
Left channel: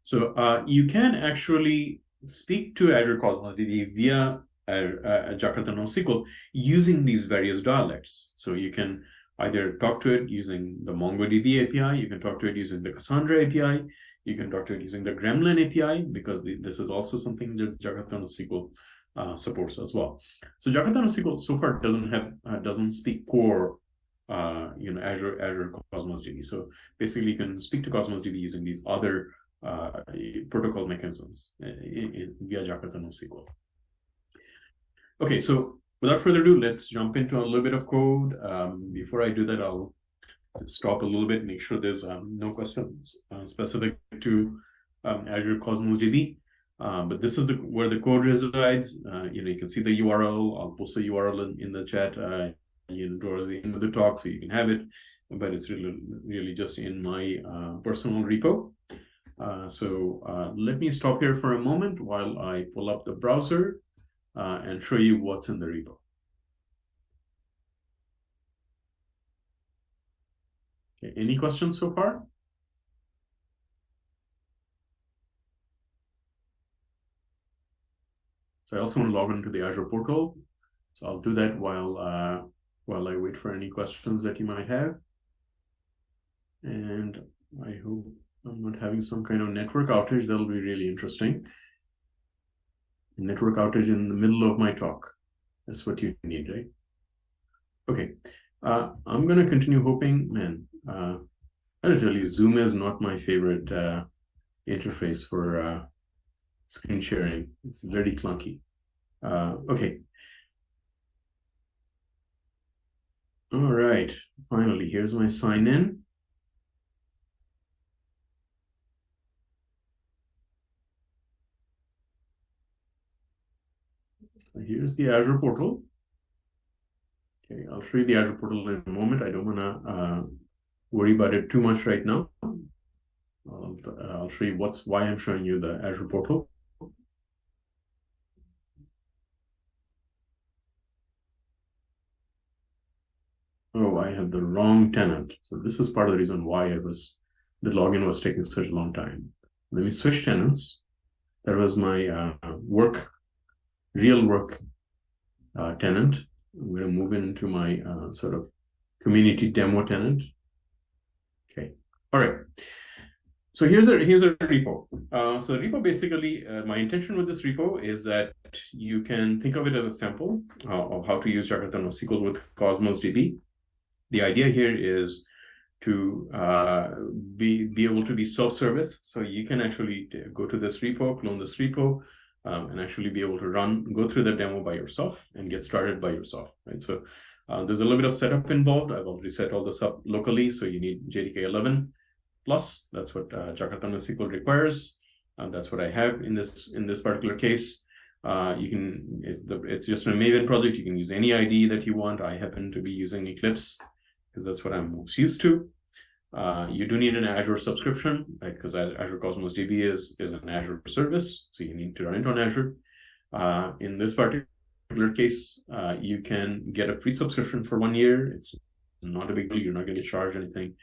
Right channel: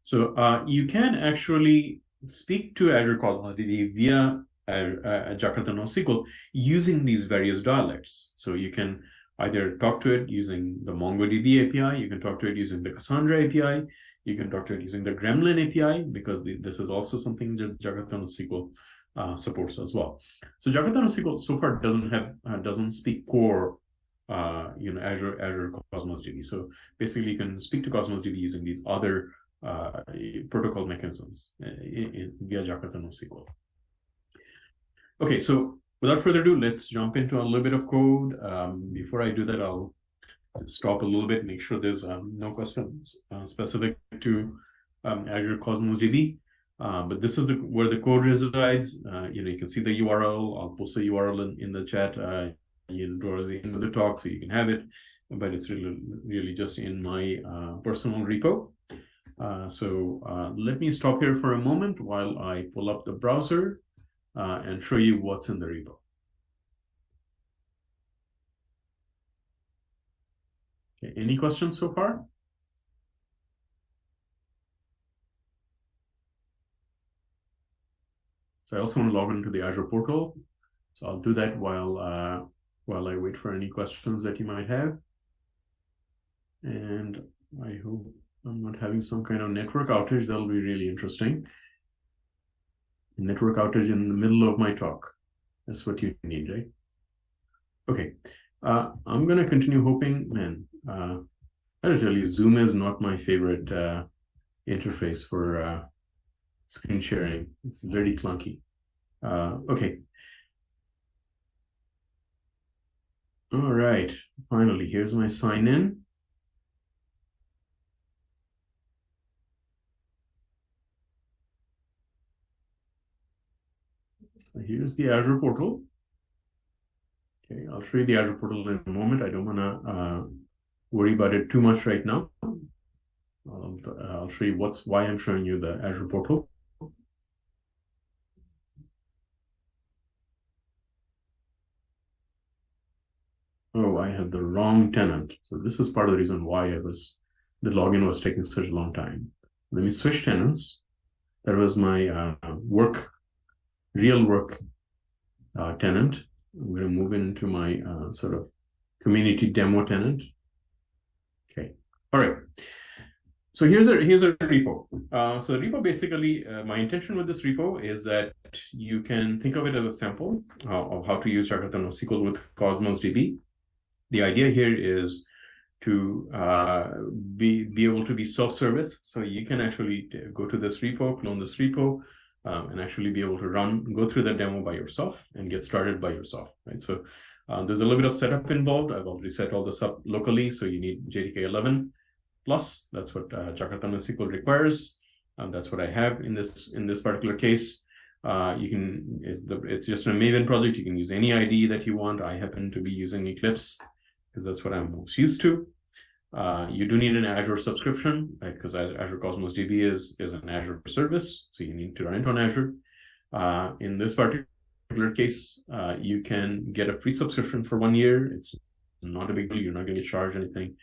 So you can actually speak to Azure Cosmos DB via Jakarta NoSQL using these various dialects. So you can either talk to it using the MongoDB API, you can talk to it using the Cassandra API, you can talk to it using the Gremlin API, because this is also something that Jakarta NoSQL supports as well. So Jakarta NoSQL so far doesn't speak core Azure Cosmos DB. So basically you can speak to Cosmos DB using these other protocol mechanisms via Jakarta NoSQL. Okay, so without further ado, let's jump into a little bit of code. Before I do that, I'll stop a little bit, make sure there's no questions specific to Azure Cosmos DB. But this is where the code resides. You can see the URL. I'll post the URL in the chat towards the end of the talk, so you can have it. But it's really just in my personal repo. So let me stop here for a moment while I pull up the browser and show you what's in the repo. Okay, any questions so far? So I also want to log into the Azure portal. So I'll do that while I wait for any questions that you might have. And I hope I'm not having some kind of network outage. That'll be really interesting. Network outage in the middle of my talk. That's what you need, right? Okay. I'm going to continue hoping, man. I'll tell you, Zoom is not my favorite interface for screen sharing. It's very clunky. Okay. All right. Finally, here's my sign in. Here's the Azure portal. Okay, I'll show you the Azure portal in a moment. I don't want to worry about it too much right now. I'll show you why I'm showing you the Azure portal. Oh, I had the wrong tenant. So this is part of the reason why the login was taking such a long time. Let me switch tenants. That was my real work tenant. I'm going to move into my sort of community demo tenant. Okay. All right. So here's a repo. So the repo basically, my intention with this repo is that you can think of it as a sample of how to use Jakarta NoSQL with Cosmos DB. The idea here is to be able to be self-service. So you can actually go to this repo, clone this repo, and actually be able to go through the demo by yourself and get started by yourself, right? So there's a little bit of setup involved. I've already set all this up locally, so you need JDK 11 plus. That's what Jakarta NoSQL requires. That's what I have in this particular case. It's just a Maven project. You can use any IDE that you want. I happen to be using Eclipse because that's what I'm most used to. You do need an Azure subscription, right? Because Azure Cosmos DB is an Azure service, so you need to run it on Azure. In this particular case, you can get a free subscription for 1 year. It's not a big deal. You're not going to charge anything.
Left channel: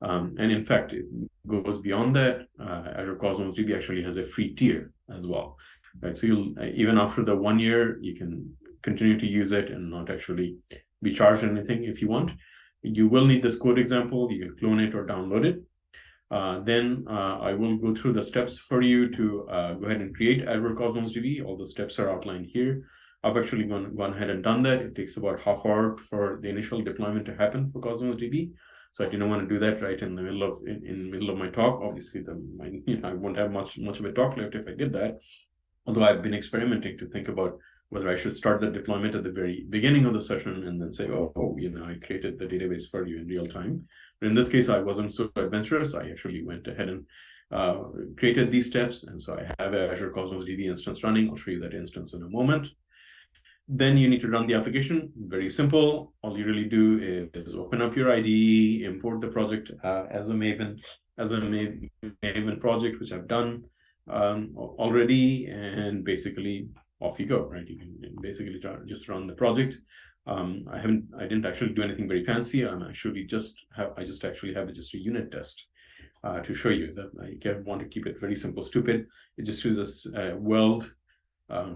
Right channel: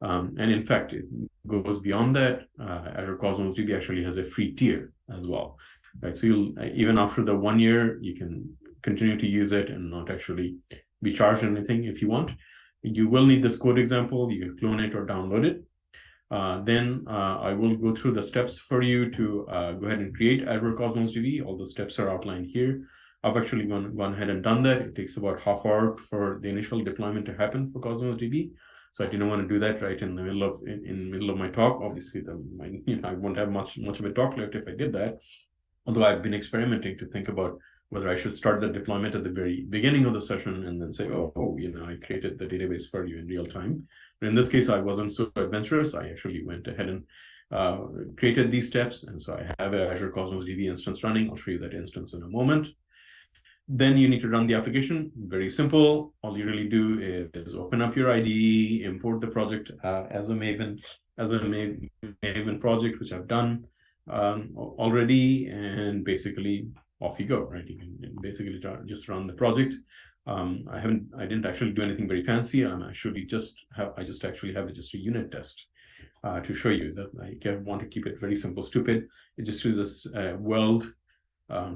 And in fact, it goes beyond that. Azure Cosmos DB actually has a free tier as well, right? So you'll even after the 1 year, you can continue to use it and not actually be charged anything if you want. You will need this code example. You can clone it or download it. Then I will go through the steps for you to go ahead and create Azure Cosmos DB. All the steps are outlined here. I've actually gone ahead and done that. It takes about half hour for the initial deployment to happen for Cosmos DB. So I didn't want to do that right in the middle of my talk. Obviously, I won't have much of a talk left if I did that. Although I've been experimenting to think about whether I should start the deployment at the very beginning of the session and then say, oh, I created the database for you in real time. But in this case, I wasn't so adventurous. I actually went ahead and created these steps. And so I have an Azure Cosmos DB instance running. I'll show you that instance in a moment. Then you need to run the application. Very simple. All you really do is open up your IDE, import the project as a Maven project, which I've done already, and basically off you go, right? You can basically just run the project. I didn't actually do anything very fancy. I just actually have just a unit test to show you that I want to keep it very simple, stupid. It just uses Weld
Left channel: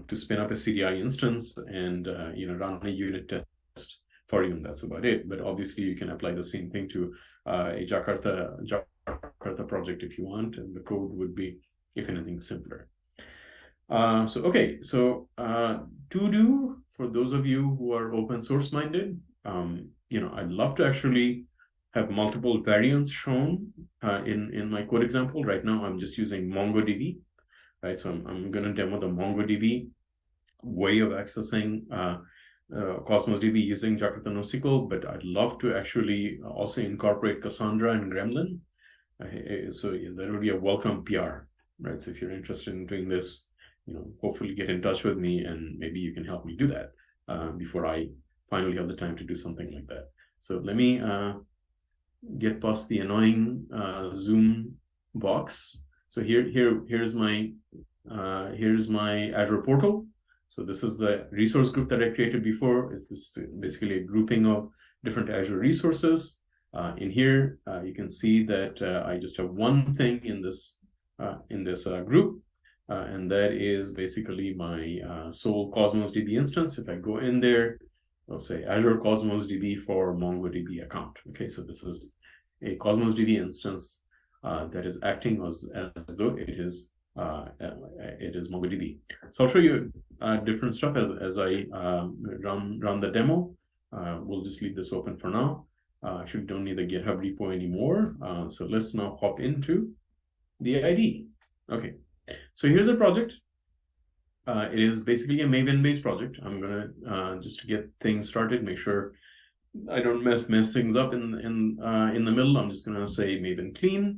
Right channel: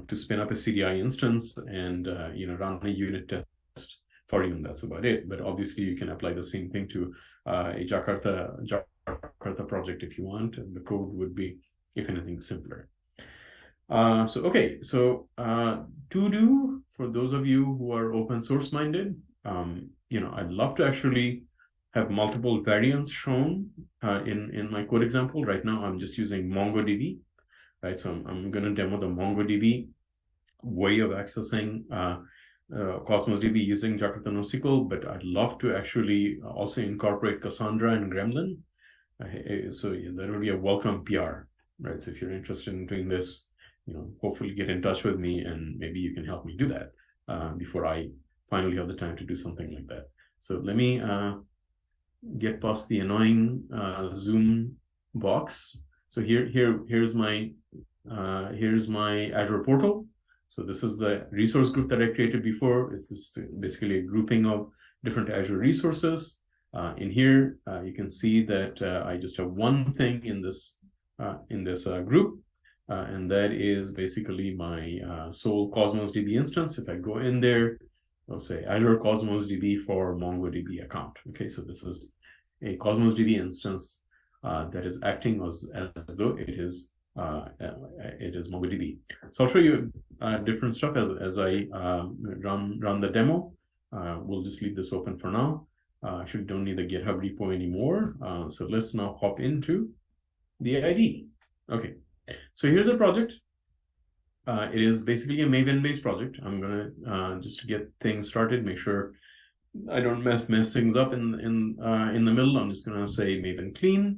to spin up a CDI instance and run a unit test for you, and that's about it. But obviously, you can apply the same thing to a Jakarta project if you want, and the code would be, if anything, simpler. To do, for those of you who are open source minded, I'd love to actually have multiple variants shown in my code example. Right now, I'm just using MongoDB. Right, so I'm going to demo the MongoDB way of accessing Cosmos DB using Jakarta NoSQL, but I'd love to actually also incorporate Cassandra and Gremlin. So that would be a welcome PR, right? So if you're interested in doing this, hopefully get in touch with me and maybe you can help me do that before I finally have the time to do something like that. So let me get past the annoying Zoom box. So here's my Azure portal. So this is the resource group that I created before. It's basically a grouping of different Azure resources. In here, you can see that I just have one thing in this group, and that is basically my sole Cosmos DB instance. If I go in there, I'll say Azure Cosmos DB for MongoDB account. Okay, so this is a Cosmos DB instance that is acting as though it is MongoDB. So I'll show you different stuff as I run the demo. We'll just leave this open for now. Actually, don't need the GitHub repo anymore. So let's now hop into the IDE. Okay, so here's the project. It is basically a Maven-based project. I'm gonna just to get things started, make sure I don't mess things up in the middle. I'm just gonna say Maven clean.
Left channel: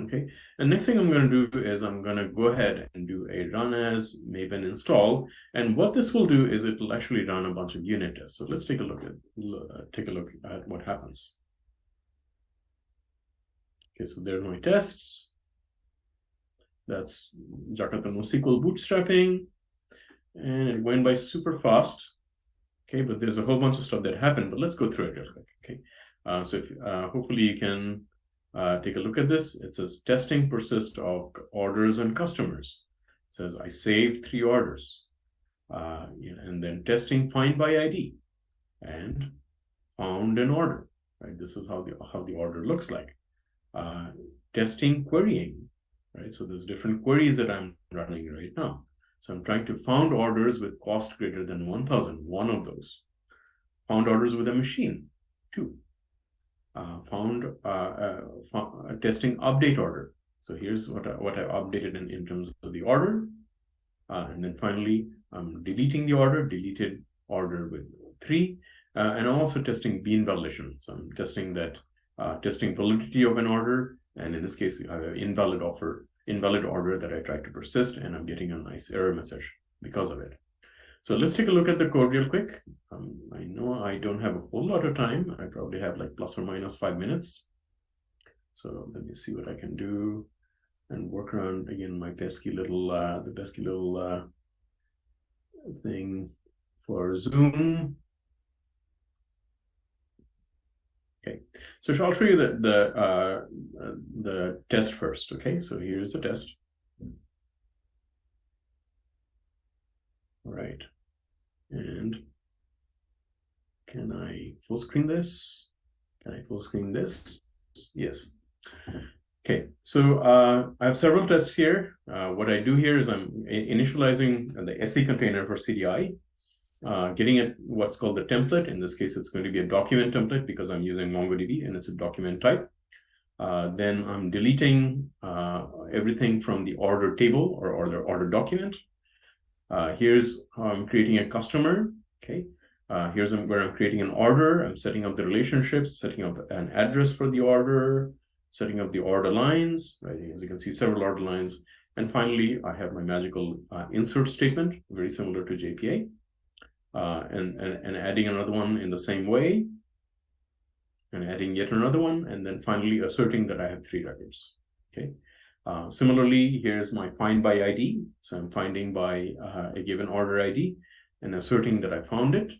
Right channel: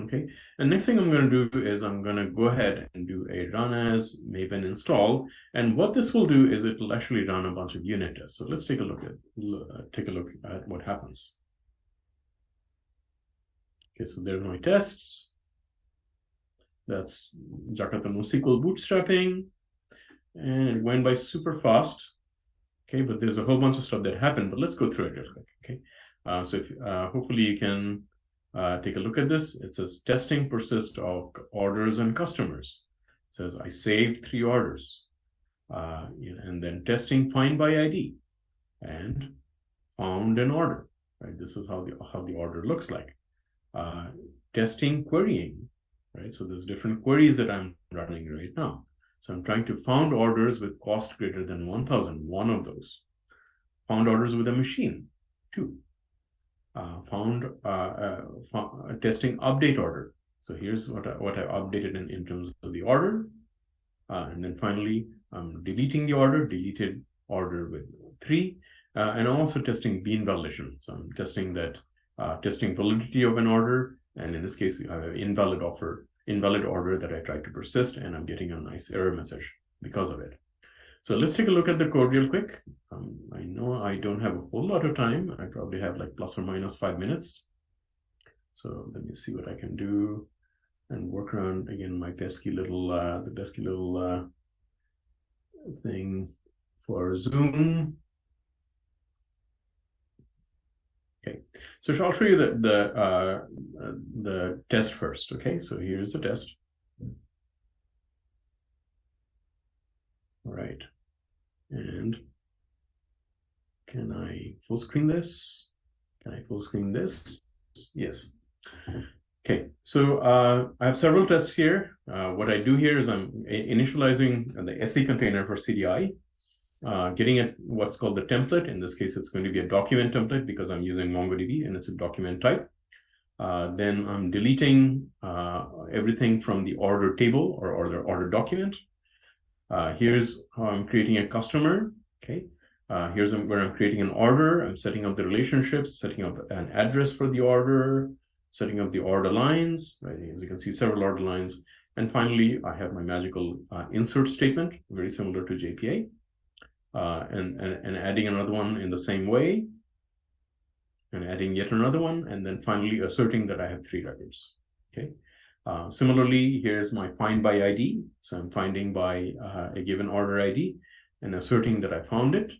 Okay, and next thing I'm going to do is I'm going to go ahead and do a run as Maven install, and what this will do is it will actually run a bunch of unit tests. So let's take a look at what happens. Okay, so there are my tests. That's Jakarta NoSQL bootstrapping, and it went by super fast. Okay, but there's a whole bunch of stuff that happened, but let's go through it real quick. Okay, so hopefully you can take a look at this. It says testing persist of orders and customers. It says I saved 3 orders, and then testing find by ID and found an order. Right, this is how the order looks like. Testing querying. Right, so there's different queries that I'm running right now. So I'm trying to found orders with cost greater than 1,000. One of those. Found orders with a machine. 2. Found testing update order. So here's what I updated in terms of the order. And then finally, I'm deleting the order, deleted order with 3. And I'm also testing bean validation. So I'm testing that, testing validity of an order. And in this case, invalid order that I tried to persist, and I'm getting a nice error message because of it. So let's take a look at the code real quick. I know I don't have a whole lot of time. I probably have like plus or minus 5 minutes. So let me see what I can do and work around again my pesky little thing for Zoom. Okay, so I'll show you the test first. Okay, so here's the test. All right, and can I full screen this? Can I full screen this? Yes. Okay, so I have several tests here. What I do here is I'm initializing the SE container for CDI, getting it what's called the template. In this case, it's going to be a document template because I'm using MongoDB and it's a document type. Then I'm deleting everything from the order table or order document. Here's how I'm creating a customer. Okay, here's where I'm creating an order. I'm setting up the relationships, setting up an address for the order, setting up the order lines, right? As you can see, several order lines. And finally, I have my magical insert statement, very similar to JPA, and adding another one in the same way, and adding yet another one, and then finally asserting that I have 3 records. Okay. Similarly, here's my find by ID. So I'm finding by a given order ID and asserting that I found it.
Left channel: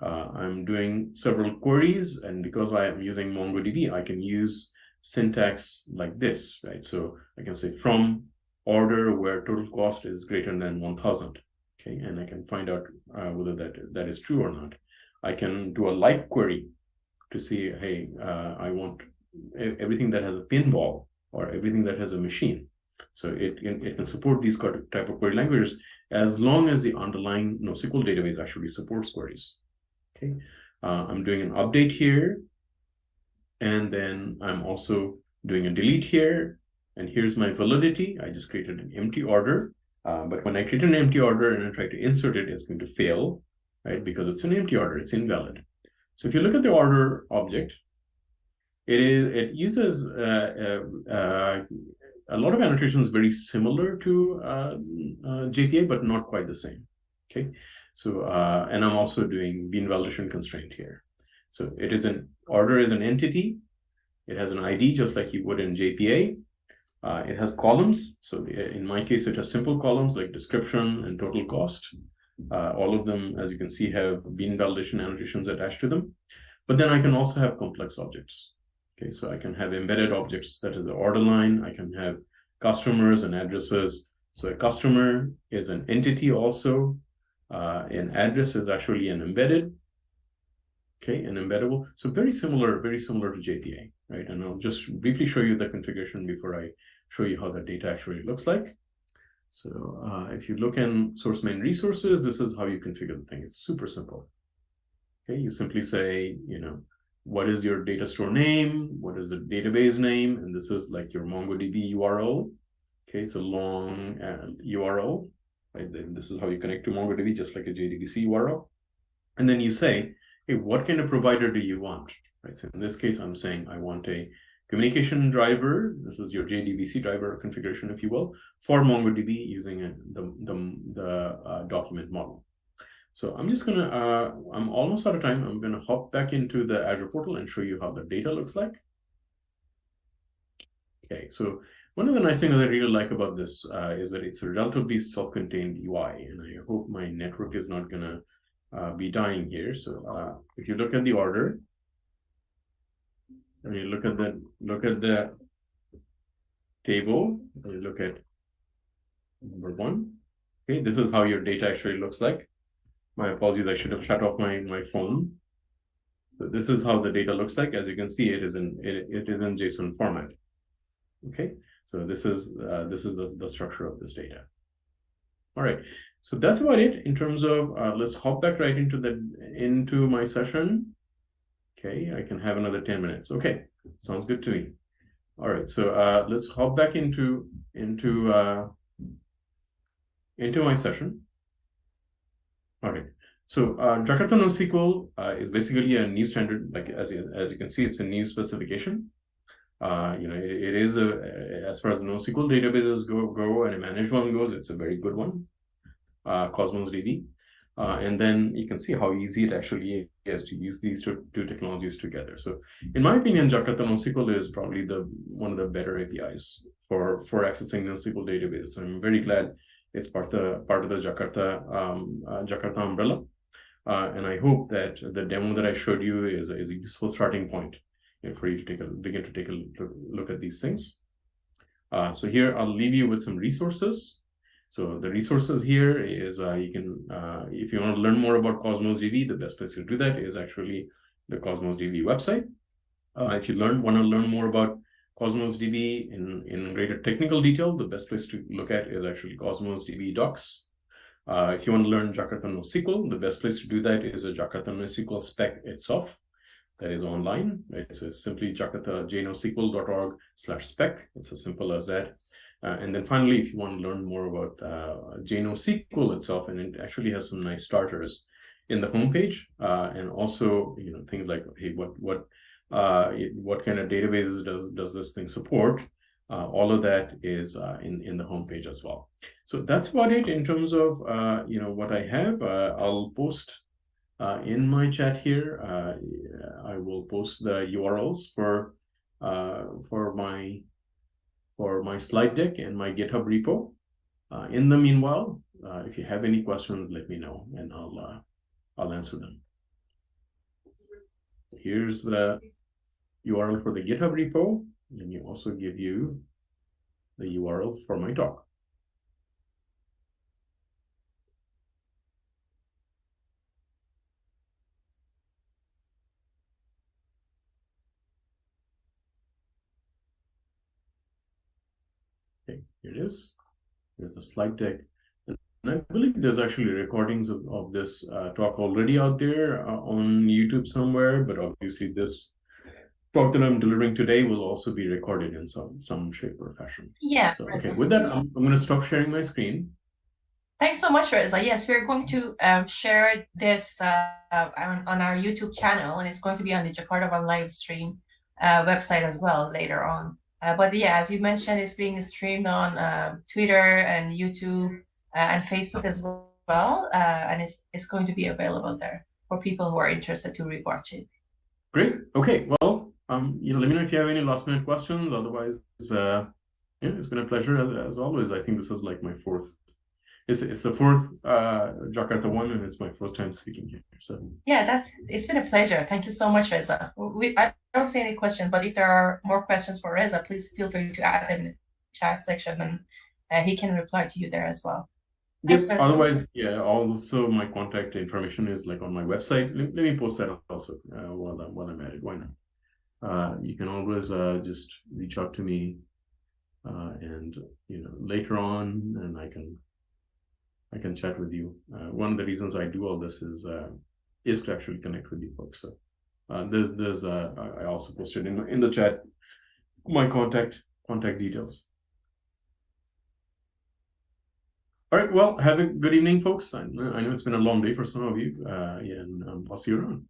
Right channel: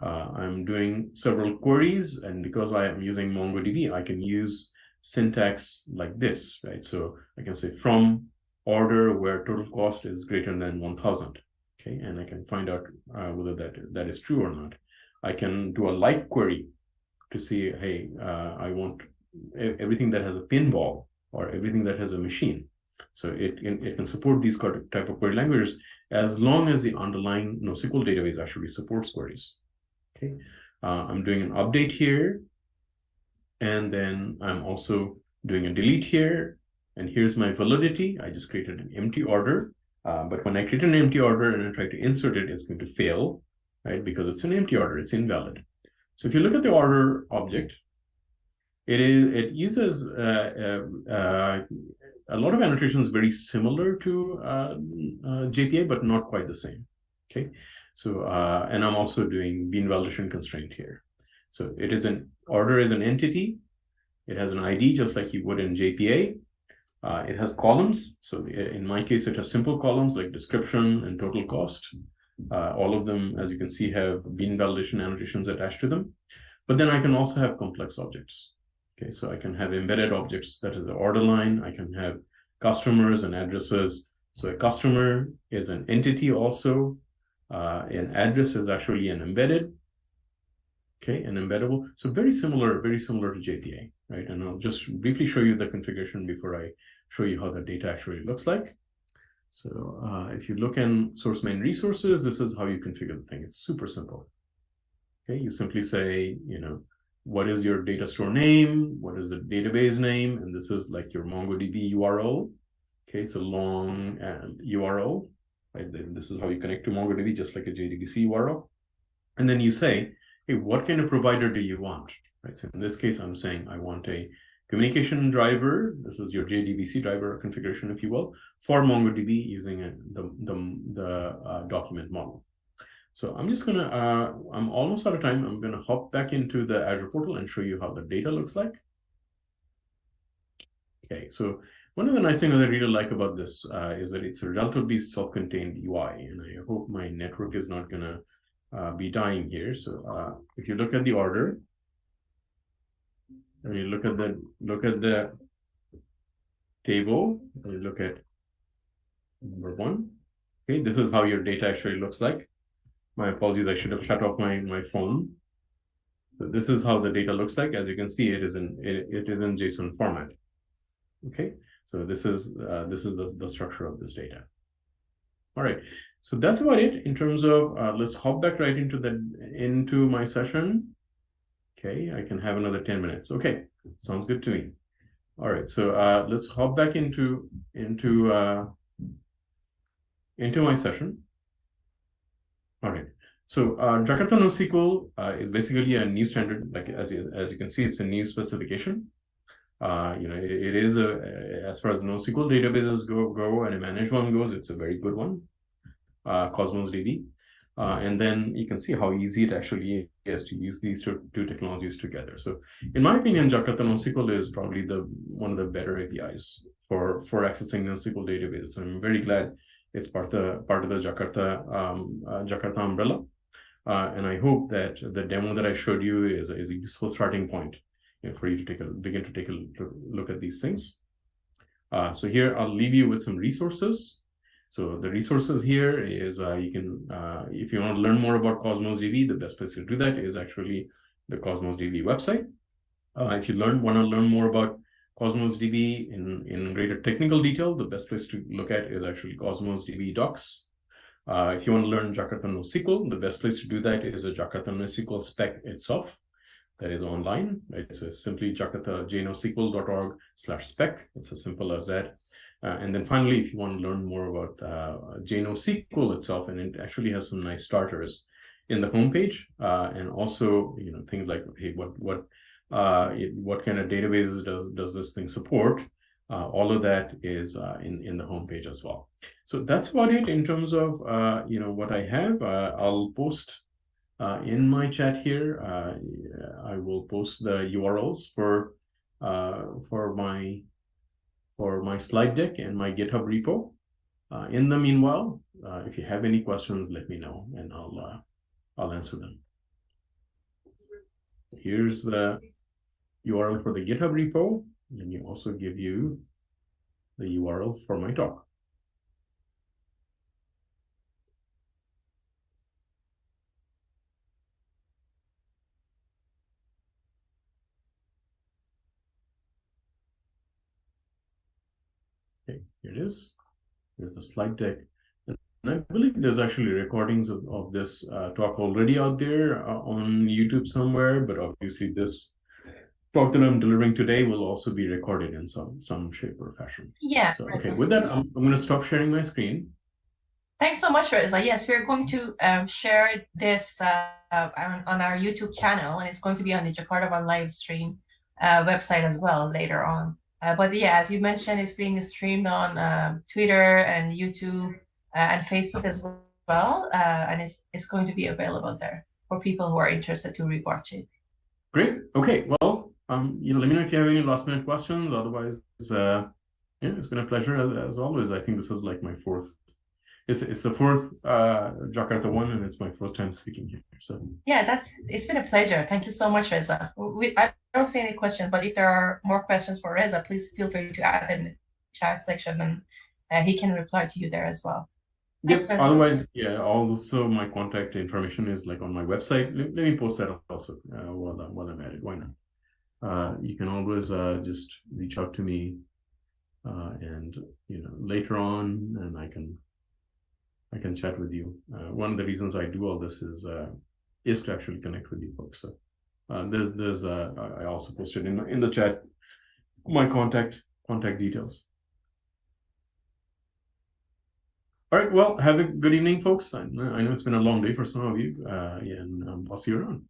I'm doing several queries, and because I am using MongoDB, I can use syntax like this, right? So I can say from order where total cost is greater than 1,000, okay? And I can find out whether that is true or not. I can do a like query to see, hey, I want everything that has a pinball or everything that has a machine. So it can support these type of query languages as long as the underlying NoSQL database actually supports queries. Okay, I'm doing an update here, and then I'm also doing a delete here, and here's my validity. I just created an empty order, but when I create an empty order and I try to insert it, it's going to fail, right? Because it's an empty order, it's invalid. So if you look at the order object, it uses a lot of annotations very similar to JPA, but not quite the same. Okay, so and I'm also doing bean validation constraint here. So it is an order is an entity. It has an ID just like you would in JPA. It has columns. So in my case, it has simple columns like description and total cost. All of them, as you can see, have bean validation annotations attached to them. But then I can also have complex objects. Okay, so I can have embedded objects, that is the order line. I can have customers and addresses. So a customer is an entity also. An address is actually an embedded. Okay, an embeddable. So very similar to JPA, right? And I'll just briefly show you the configuration before I show you how the data actually looks like. So if you look in source main resources, this is how you configure the thing. It's super simple. Okay, you simply say, what is your data store name? What is the database name? And this is like your MongoDB URL. Okay, it's a long URL. Right? This is how you connect to MongoDB, just like a JDBC URL. And then you say, hey, what kind of provider do you want? Right. So in this case, I'm saying I want a communication driver. This is your JDBC driver configuration, if you will, for MongoDB using the document model. So I'm just gonna, I'm almost out of time. I'm gonna hop back into the Azure portal and show you how the data looks like. Okay, so one of the nice things that I really like about this is that it's a relatively self-contained UI, and I hope my network is not gonna be dying here. So if you look at the order, and you look at the table, and you look at number 1. Okay, this is how your data actually looks like. My apologies, I should have shut off my phone. So this is how the data looks like. As you can see, it is in JSON format. Okay, so this is the structure of this data. All right, so that's about it in terms of let's hop back right into my session. Okay, I can have another 10 minutes. Okay, sounds good to me. All right, so let's hop back into my session. All right, so Jakarta NoSQL is basically a new standard. Like as you can see, it's a new specification. It is as far as NoSQL databases go and a managed one goes, it's a very good one, Cosmos DB. And then you can see how easy it actually is to use these two technologies together. So in my opinion, Jakarta NoSQL is probably one of the better APIs for accessing NoSQL databases. So I'm very glad it's part of the Jakarta umbrella. And I hope that the demo that I showed you is a useful starting point for you to begin to take a look at these things. So here I'll leave you with some resources. So the resources here is you can, if you want to learn more about Cosmos DB, the best place to do that is actually the Cosmos DB website. If you want to learn more about Cosmos DB in greater technical detail, the best place to look at is actually Cosmos DB docs. If you want to learn Jakarta NoSQL, the best place to do that is a Jakarta NoSQL spec itself that is online. Right? So it's simply jakarta.jnosql.org/spec. It's as simple as that. And then finally, if you want to learn more about JNoSQL itself, and it actually has some nice starters in the homepage, and also things like, hey, what kind of databases does this thing support? All of that is in the homepage as well. So that's about it in terms of what I have. I'll post in my chat here. I will post the URLs for my slide deck and my GitHub repo. In the meanwhile, if you have any questions, let me know and I'll answer them. Here's the URL for the GitHub repo. Let me also give you the URL for my talk. Okay, here it is. There's the slide deck. And I believe there's actually recordings of this talk already out there on YouTube somewhere, but obviously this talk that I'm delivering today will also be recorded in some shape or fashion. Yeah. So, okay, with that, I'm going to stop sharing my screen. Thanks so much, Reza. Yes, we're going to share this on our YouTube channel, and it's going to be on the Jakarta One live stream website as well later on. But yeah, as you mentioned, it's being streamed on Twitter and YouTube and Facebook as well, and it's going to be available there for people who are interested to rewatch it. Great. Okay. Well, let me know if you have any last minute questions. Otherwise, yeah, it's been a pleasure as always. I think this is like my fourth. It's the fourth Jakarta one, and it's my first time speaking here. So yeah, it's been a pleasure. Thank you so much, Reza. I don't see any questions, but if there are more questions for Reza, please feel free to add in the chat section, and he can reply to you there as well. Yep. Otherwise, yeah. Also, my contact information is like on my website. Let me post that also while I'm at it. Why not? You can always just reach out to me, and later on, and I can chat with you. One of the reasons I do all this is to actually connect with you folks. So there's I also posted in the chat my contact details. All right. Well, have a good evening, folks. I know it's been a long day for some of you, and I'll see you around.